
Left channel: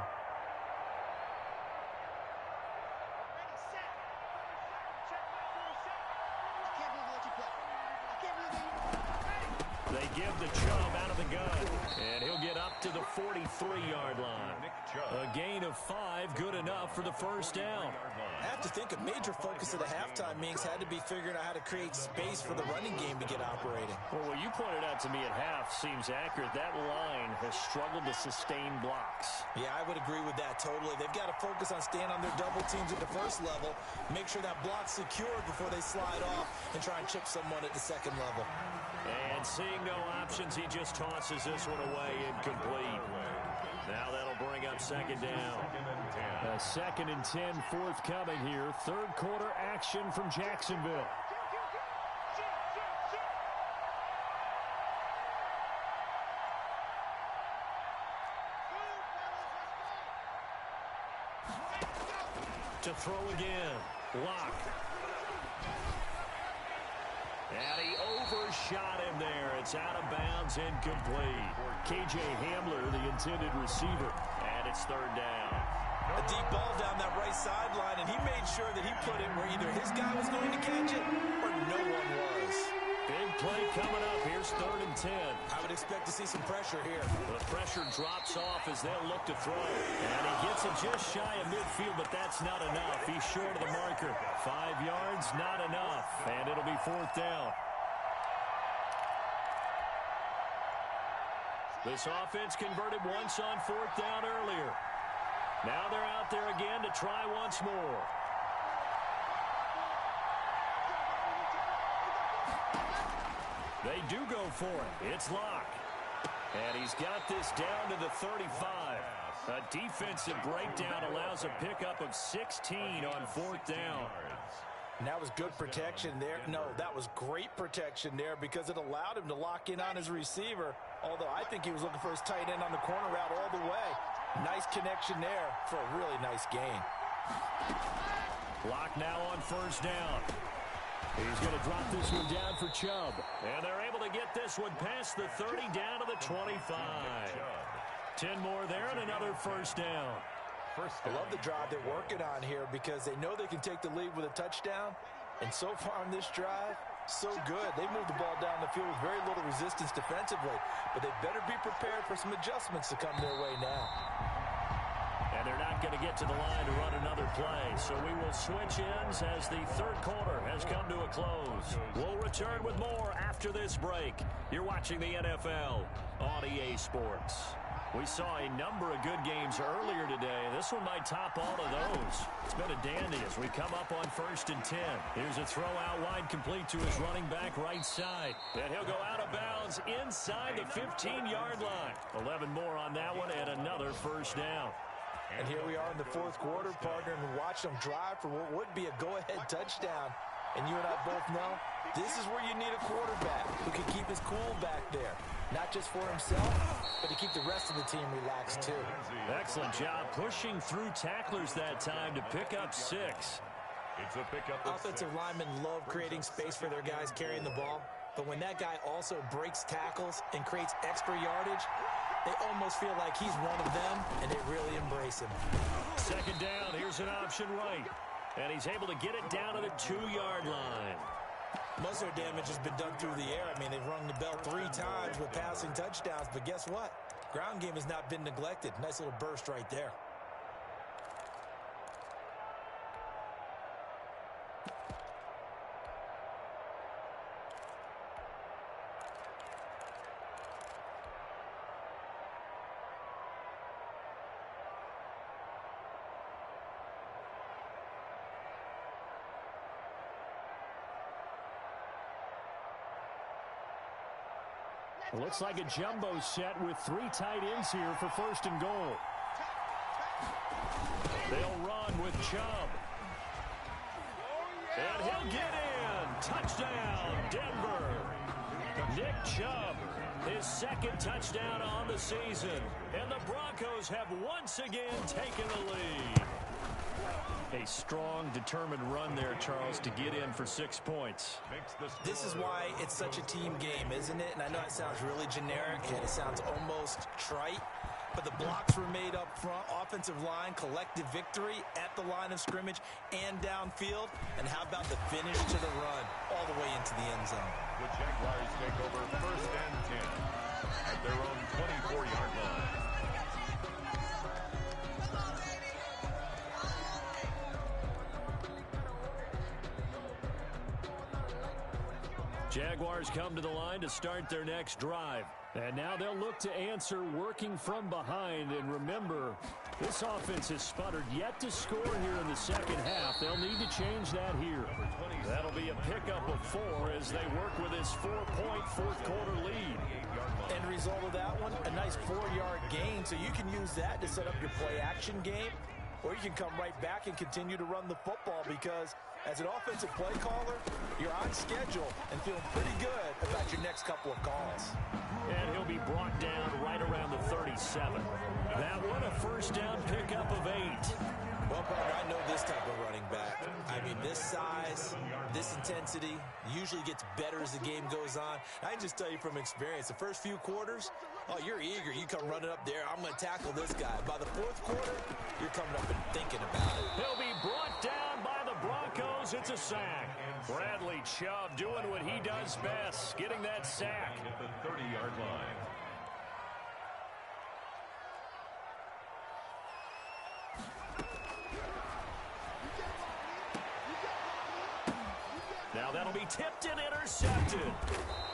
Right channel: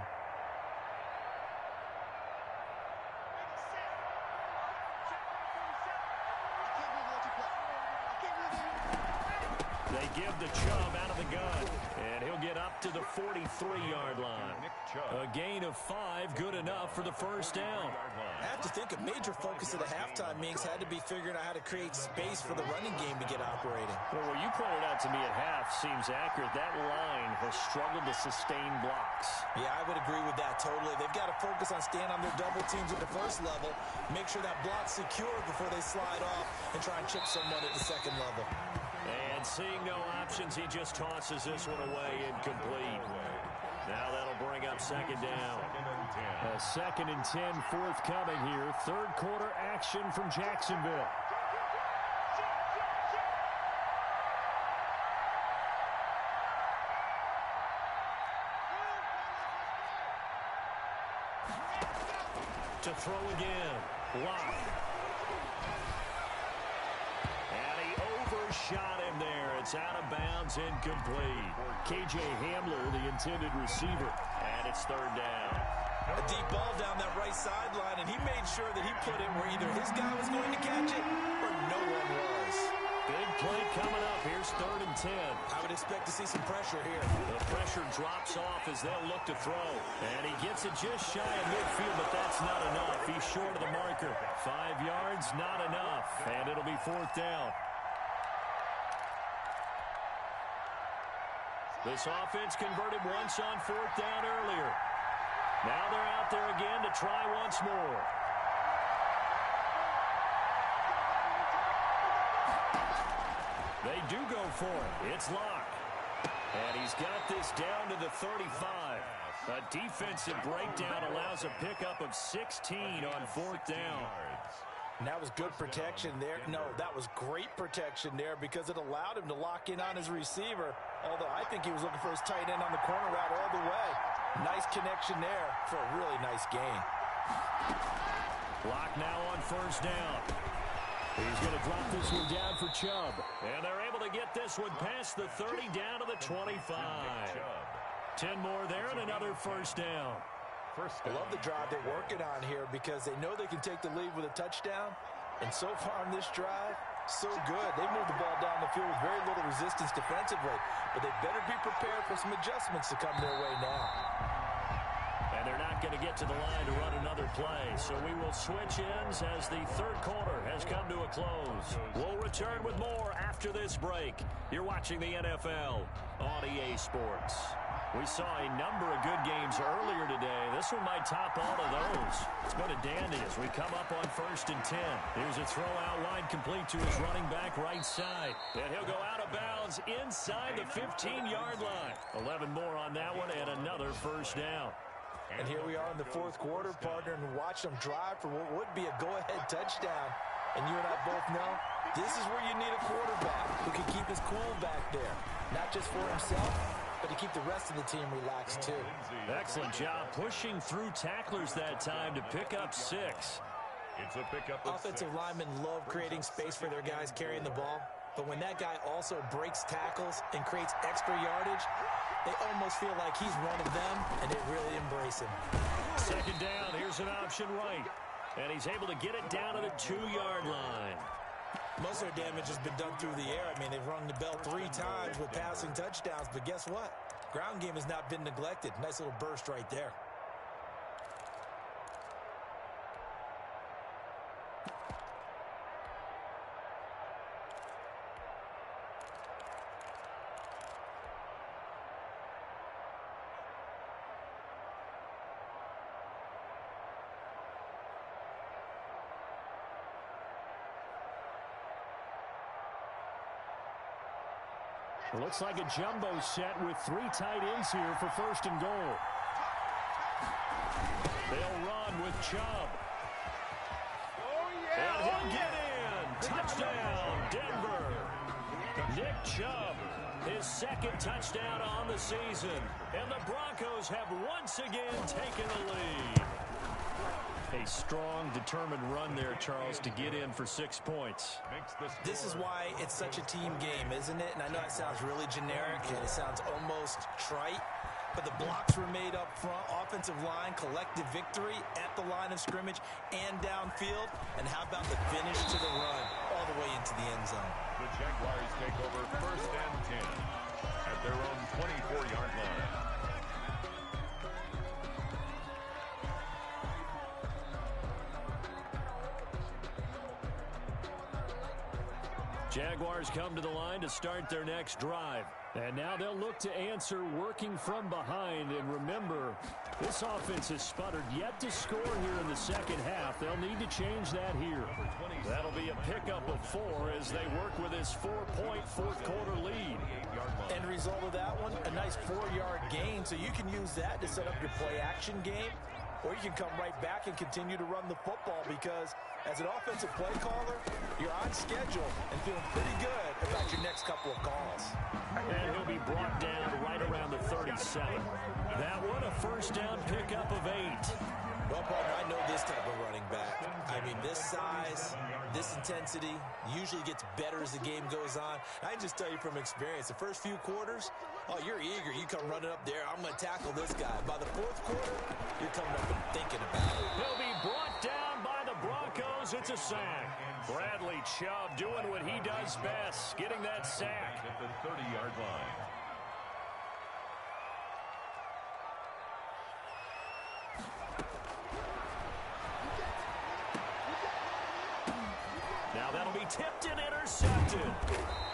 They give the Chubb out of the gun, and he'll get up to the 43-yard line. A gain of 5, good enough for the first down. I have to think a major focus of the halftime meetings had to be figuring out how to create space for the running game to get operating. Well, what you pointed out to me at half seems accurate. That line has struggled to sustain blocks. Yeah, I would agree with that totally. They've got to focus on staying on their double teams at the first level, make sure that block's secured before they slide off and try and chip someone at the second level. And seeing no options, he just tosses this one away, incomplete. Now that'll bring up second down. A 2nd and 10 forthcoming here. Third quarter action from Jacksonville. To throw again. Locke. And he overshot him there. It's out of bounds, incomplete. K.J. Hamler, the intended receiver, and it's third down. A deep ball down that right sideline, and he made sure that he put it where either his guy was going to catch it or no one was. Big play coming up. Here's 3rd and 10. I would expect to see some pressure here. The pressure drops off as they'll look to throw. And he gets it just shy of midfield, but that's not enough. He's short of the marker. 5 yards, not enough. And it'll be 4th down. This offense converted once on 4th down earlier. Now they're out there again to try once more. They do go for it. It's Locke. And he's got this down to the 35. A defensive breakdown allows a pickup of 16 on 4th down. And that was good protection there. No, that was great protection there because it allowed him to lock in on his receiver. Although I think he was looking for his tight end on the corner route all the way. Nice connection there for a really nice gain. Locke now on 1st down. He's going to drop this one down for Chubb. And they're able to get this one past the 30 down to the 25. 10 more there and another 1st down. I love the drive they're working on here because they know they can take the lead with a touchdown. And so far on this drive, so good. They moved the ball down the field with very little resistance defensively. But they better be prepared for some adjustments to come their way now. And they're not going to get to the line to run another play. So we will switch ends as the 3rd quarter has come to a close. We'll return with more after this break. You're watching the NFL on EA Sports. We saw a number of good games earlier today. This one might top all of those. It's been a dandy as we come up on 1st and 10. Here's a throw out wide complete to his running back right side. And he'll go out of bounds inside the 15-yard line. 11 more on that one and another 1st down. And here we are in the 4th quarter, partner, and watch them drive for what would be a go-ahead touchdown. And you and I both know this is where you need a quarterback who can keep his cool back there. Not just for himself, but to keep the rest of the team relaxed too. Excellent job pushing through tacklers that time to pick up 6. It's a pickup of Offensive 6. linemen love creating space for their guys carrying the ball. But when that guy also breaks tackles and creates extra yardage, they almost feel like he's one of them, and they really embrace him. 2nd down, here's an option right. And he's able to get it down to the 2-yard line. Most of their damage has been done through the air. I mean, they've rung the bell 3 times with passing touchdowns, but guess what? Ground game has not been neglected. Nice little burst right there. It looks like a jumbo set with 3 tight ends here for first and goal. They'll run with Chubb. And he'll get in. Touchdown, Denver. Nick Chubb, his second touchdown on the season. And the Broncos have once again taken the lead. A strong, determined run there, Charles, to get in for 6 points. This is why it's such a team game, isn't it? And I know it sounds really generic and it sounds almost trite, but the blocks were made up front, offensive line, collective victory at the line of scrimmage and downfield. And how about the finish to the run all the way into the end zone? The Jaguars take over first and 10 at their own 24-yard line. Jaguars come to the line to start their next drive. And now they'll look to answer working from behind. And remember, this offense has sputtered yet to score here in the second half. They'll need to change that here. That'll be a pickup of 4 as they work with this 4-point fourth-quarter lead. End result of that one, a nice 4-yard gain. So you can use that to set up your play-action game. Or you can come right back and continue to run the football because as an offensive play caller, you're on schedule and feeling pretty good about your next couple of calls. And he'll be brought down right around the 37. That one a first down pickup of 8. Well, partner, I know this type of running back. I mean, this size, this intensity usually gets better as the game goes on. I can just tell you from experience, the first few quarters, oh, you're eager. You come running up there, I'm going to tackle this guy. By the fourth quarter, you're coming up and thinking about it. He'll be brought down by the Broncos. It's a sack. Bradley Chubb doing what he does best, getting that sack. At the 30-yard line. Now that'll be tipped and intercepted.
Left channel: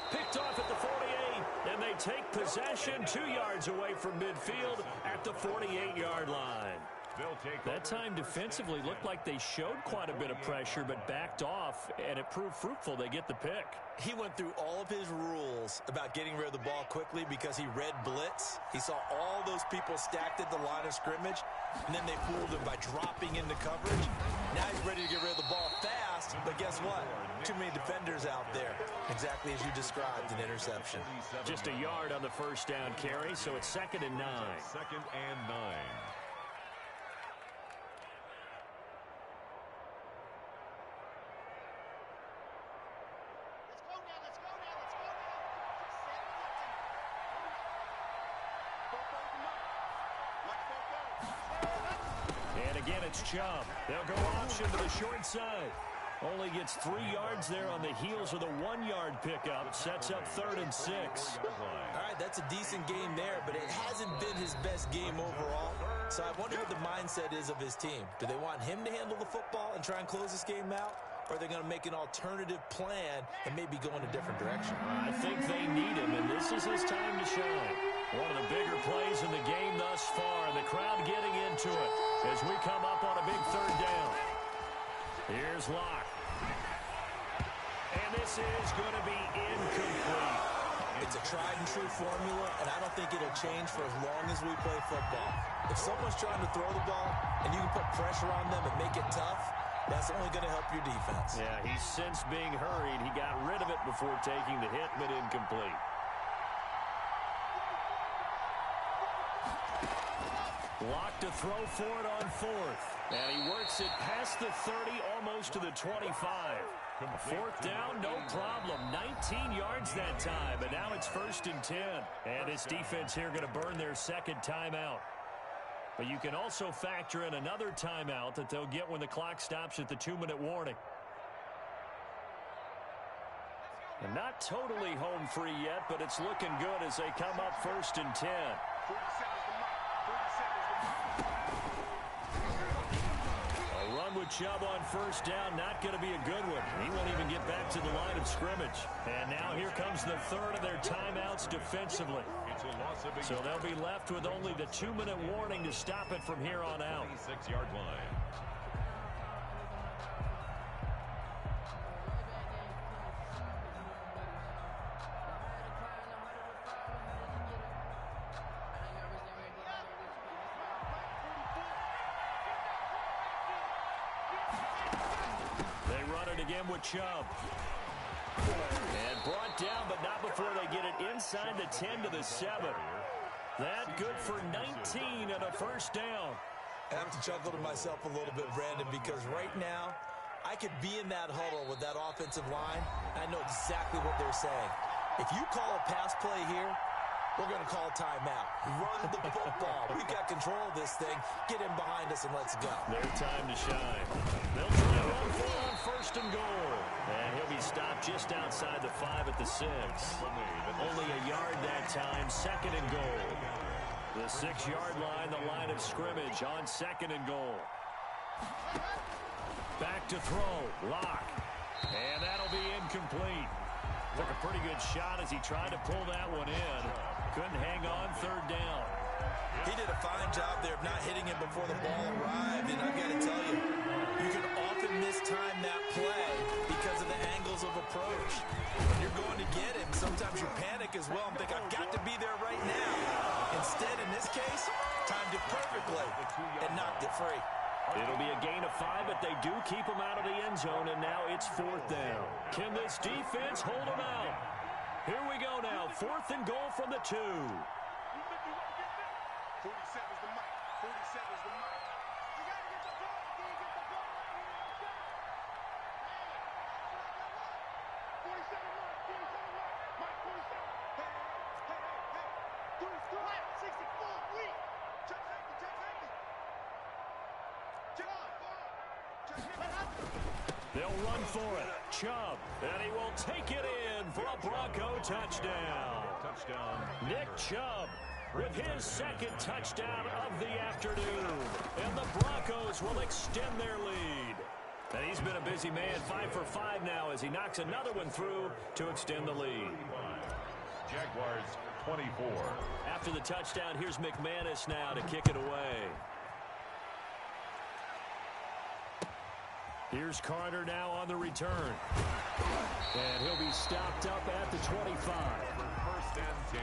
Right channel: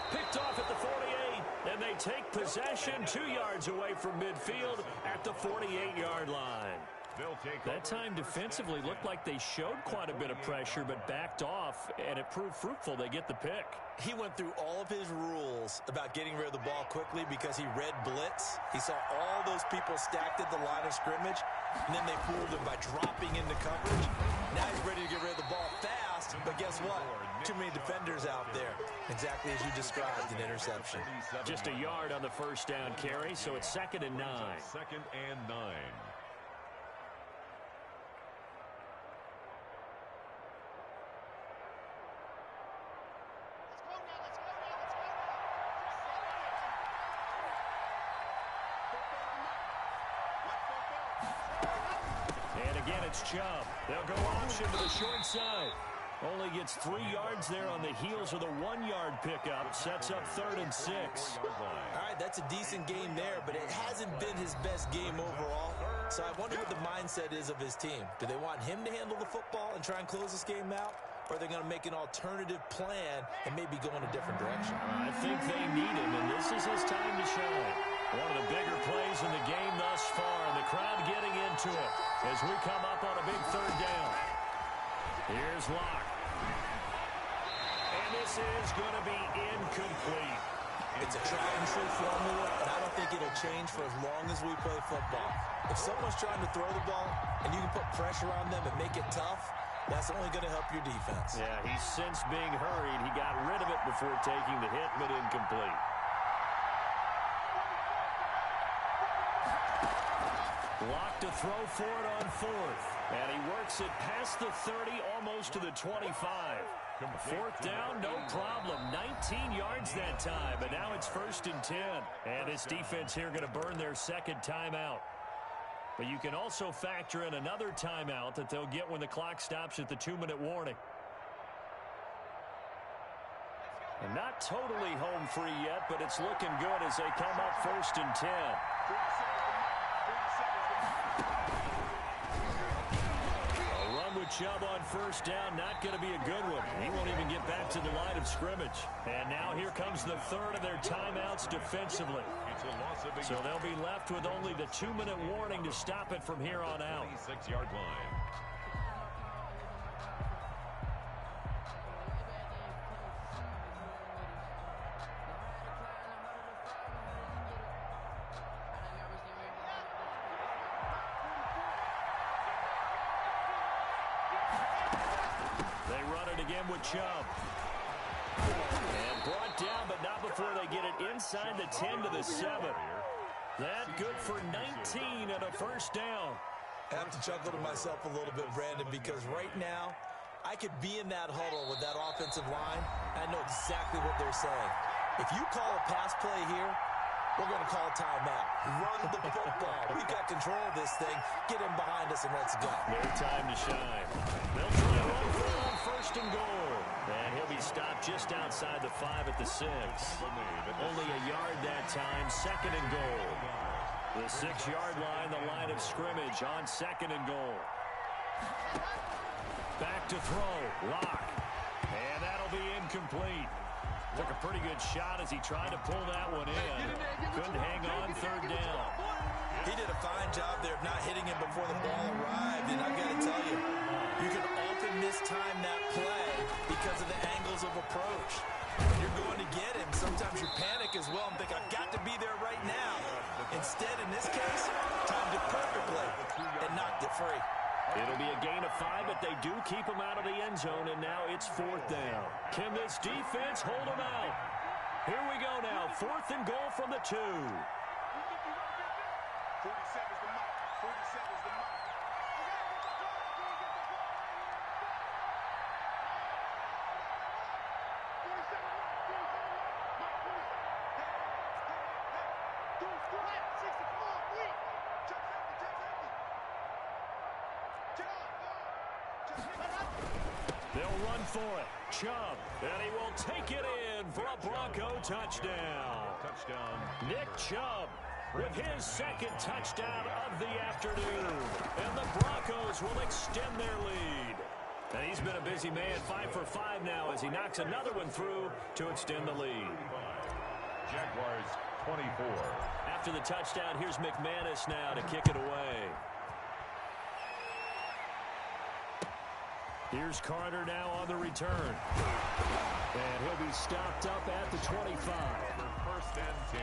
Picked off at the 48, and they take possession 2 yards away from midfield at the 48-yard line. That time defensively looked like they showed quite a bit of pressure but backed off, and it proved fruitful. They get the pick. He went through all of his rules about getting rid of the ball quickly because he read blitz. He saw all those people stacked at the line of scrimmage, and then they fooled him by dropping into coverage. Now he's ready to get rid of the ball fast, but guess what? Too many defenders out there. Exactly as you described, an interception. Just a yard on the first down carry, so it's 2nd and 9. 2nd and 9. And again, it's Chubb. They'll go option to the short side. Only gets 3 yards there on the heels of the 1-yard pickup. Sets up 3rd and 6. All right, that's a decent game there, but it hasn't been his best game overall. So I wonder what the mindset is of his team. Do they want him to handle the football and try and close this game out? Or are they going to make an alternative plan and maybe go in a different direction? I think they need him, and this is his time to shine. One of the bigger plays in the game thus far, and the crowd getting into it as we come up on a big 3rd down. Here's Locke. And this is going to be incomplete. It's a tried and true formula, and I don't think it'll change for as long as we play football. If someone's trying to throw the ball and you can put pressure on them and make it tough, that's only going to help your defense. Yeah, he's since being hurried. He got rid of it before taking the hit, but incomplete. Locke to throw for it on 4th. And he works it past the 30, almost to the 25. 4th down, no problem. 19 yards that time, and now it's 1st and 10. And this defense here going to burn their 2nd timeout. But you can also factor in another timeout that they'll get when the clock stops at the 2-minute warning. And not totally home free yet, but it's looking good as they come up 1st and 10. A run with Chubb on 1st down, not going to be a good one. He won't even get back to the line of scrimmage. And now here comes the 3rd of their timeouts defensively. So they'll be left with only the 2-minute warning to stop it from here on out. 26-yard line. run it again with Chubb. And brought down, but not before they get it inside the 10 to the 7. That good for 19 and a first down. I have to chuckle to myself a little bit, Brandon, because right now I could be in that huddle with that offensive line. I know exactly what they're saying. If you call a pass play here, we're going to call a timeout. Run the football. We've got control of this thing. Get him behind us and let's go. Their time to shine. They'll try to run for it on first and goal. And he'll be stopped just outside the 5 at the 6. Only a yard that time, second and goal. The 6-yard line, the line of scrimmage on second and goal. Back to throw, Lock. And that'll be incomplete. Took a pretty good shot as he tried to pull that one in. Couldn't hang on third down. He did a fine job there of not hitting him before the ball arrived. And I've got to tell you, you can often mistime that play because of the angles of approach. When you're going to get him, sometimes you panic as well and think, I've got to be there right now. Instead, in this case, timed it perfectly and knocked it free. It'll be a gain of 5, but they do keep him out of the end zone, and now it's fourth down. Can this defense hold him out? Here we go now, 4th and goal from the 2. 47 is the mic. 47 is the mic. You gotta get the ball. Can you get the ball right here? Let's go. 47 mic. 47 mic. Mike 47. Hey. Dude's too high. 64. Weak. Check safety. Check safety. Check on. They'll run for it. Chubb, and he will take it in for a Bronco touchdown. Nick Chubb with his second touchdown of the afternoon. And the Broncos will extend their lead. And he's been a busy man, 5 for 5 now as he knocks another one through to extend the lead. Jaguars 24. After the touchdown, here's McManus now to kick it away. Here's Carter now on the return. And he'll be stopped up at the 25. First and 10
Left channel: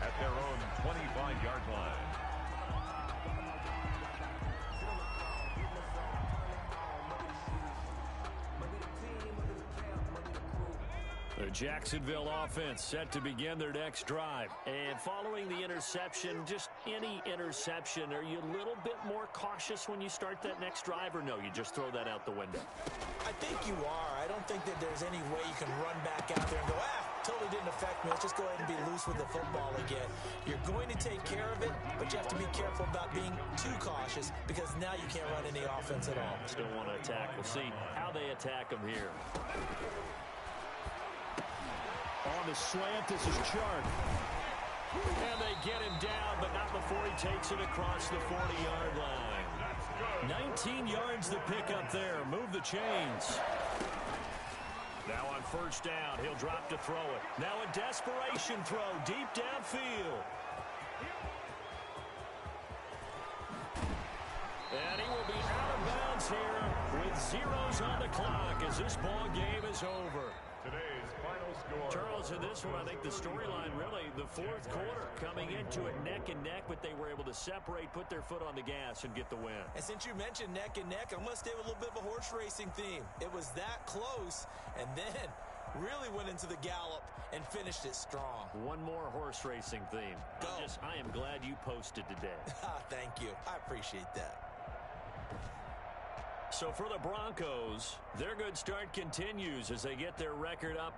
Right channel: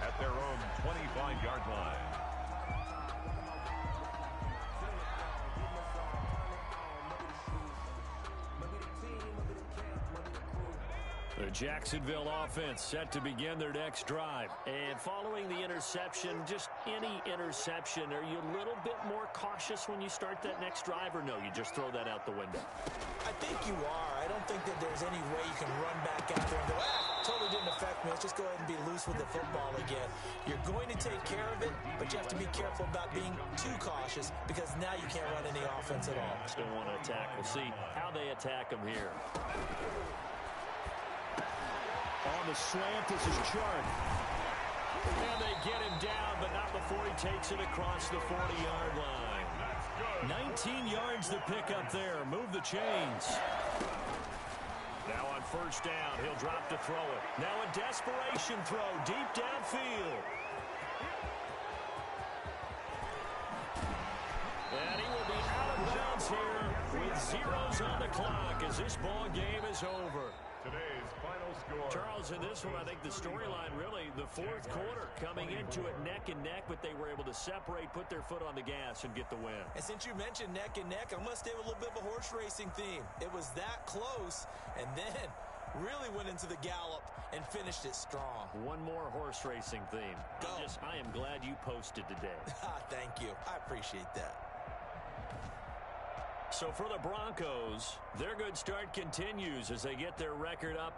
at their own 25-yard line. The Jacksonville offense set to begin their next drive. And following the interception, just any interception, are you a little bit more cautious when you start that next drive, or no, you just throw that out the window? I think you are. I don't think that there's any way you can run back out there and go, totally didn't affect me. Let's just go ahead and be loose with the football again. You're going to take care of it, but you have to be careful about being too cautious because now you can't run any offense at all. Still want to attack. We'll see how they attack them here. On the slant, this is Chark. And they get him down, but not before he takes it across the 40-yard line. 19 yards to pick up there. Move the chains. Now on first down, he'll drop to throw it. Now a desperation throw deep downfield. And he will be out of bounds here with zeros on the clock as this ball game is over. Today's final score. Charles, in this one, I think the storyline really, the fourth quarter, coming into it neck and neck, but they were able to separate, put their foot on the gas, and get the win. And since you mentioned neck and neck, I'm going to stay with a little bit of a horse racing theme. It was that close, and then really went into the gallop and finished it strong. One more horse racing theme. Go. I am glad you posted today. Thank you. I appreciate that. So for the Broncos, their good start continues as they get their record up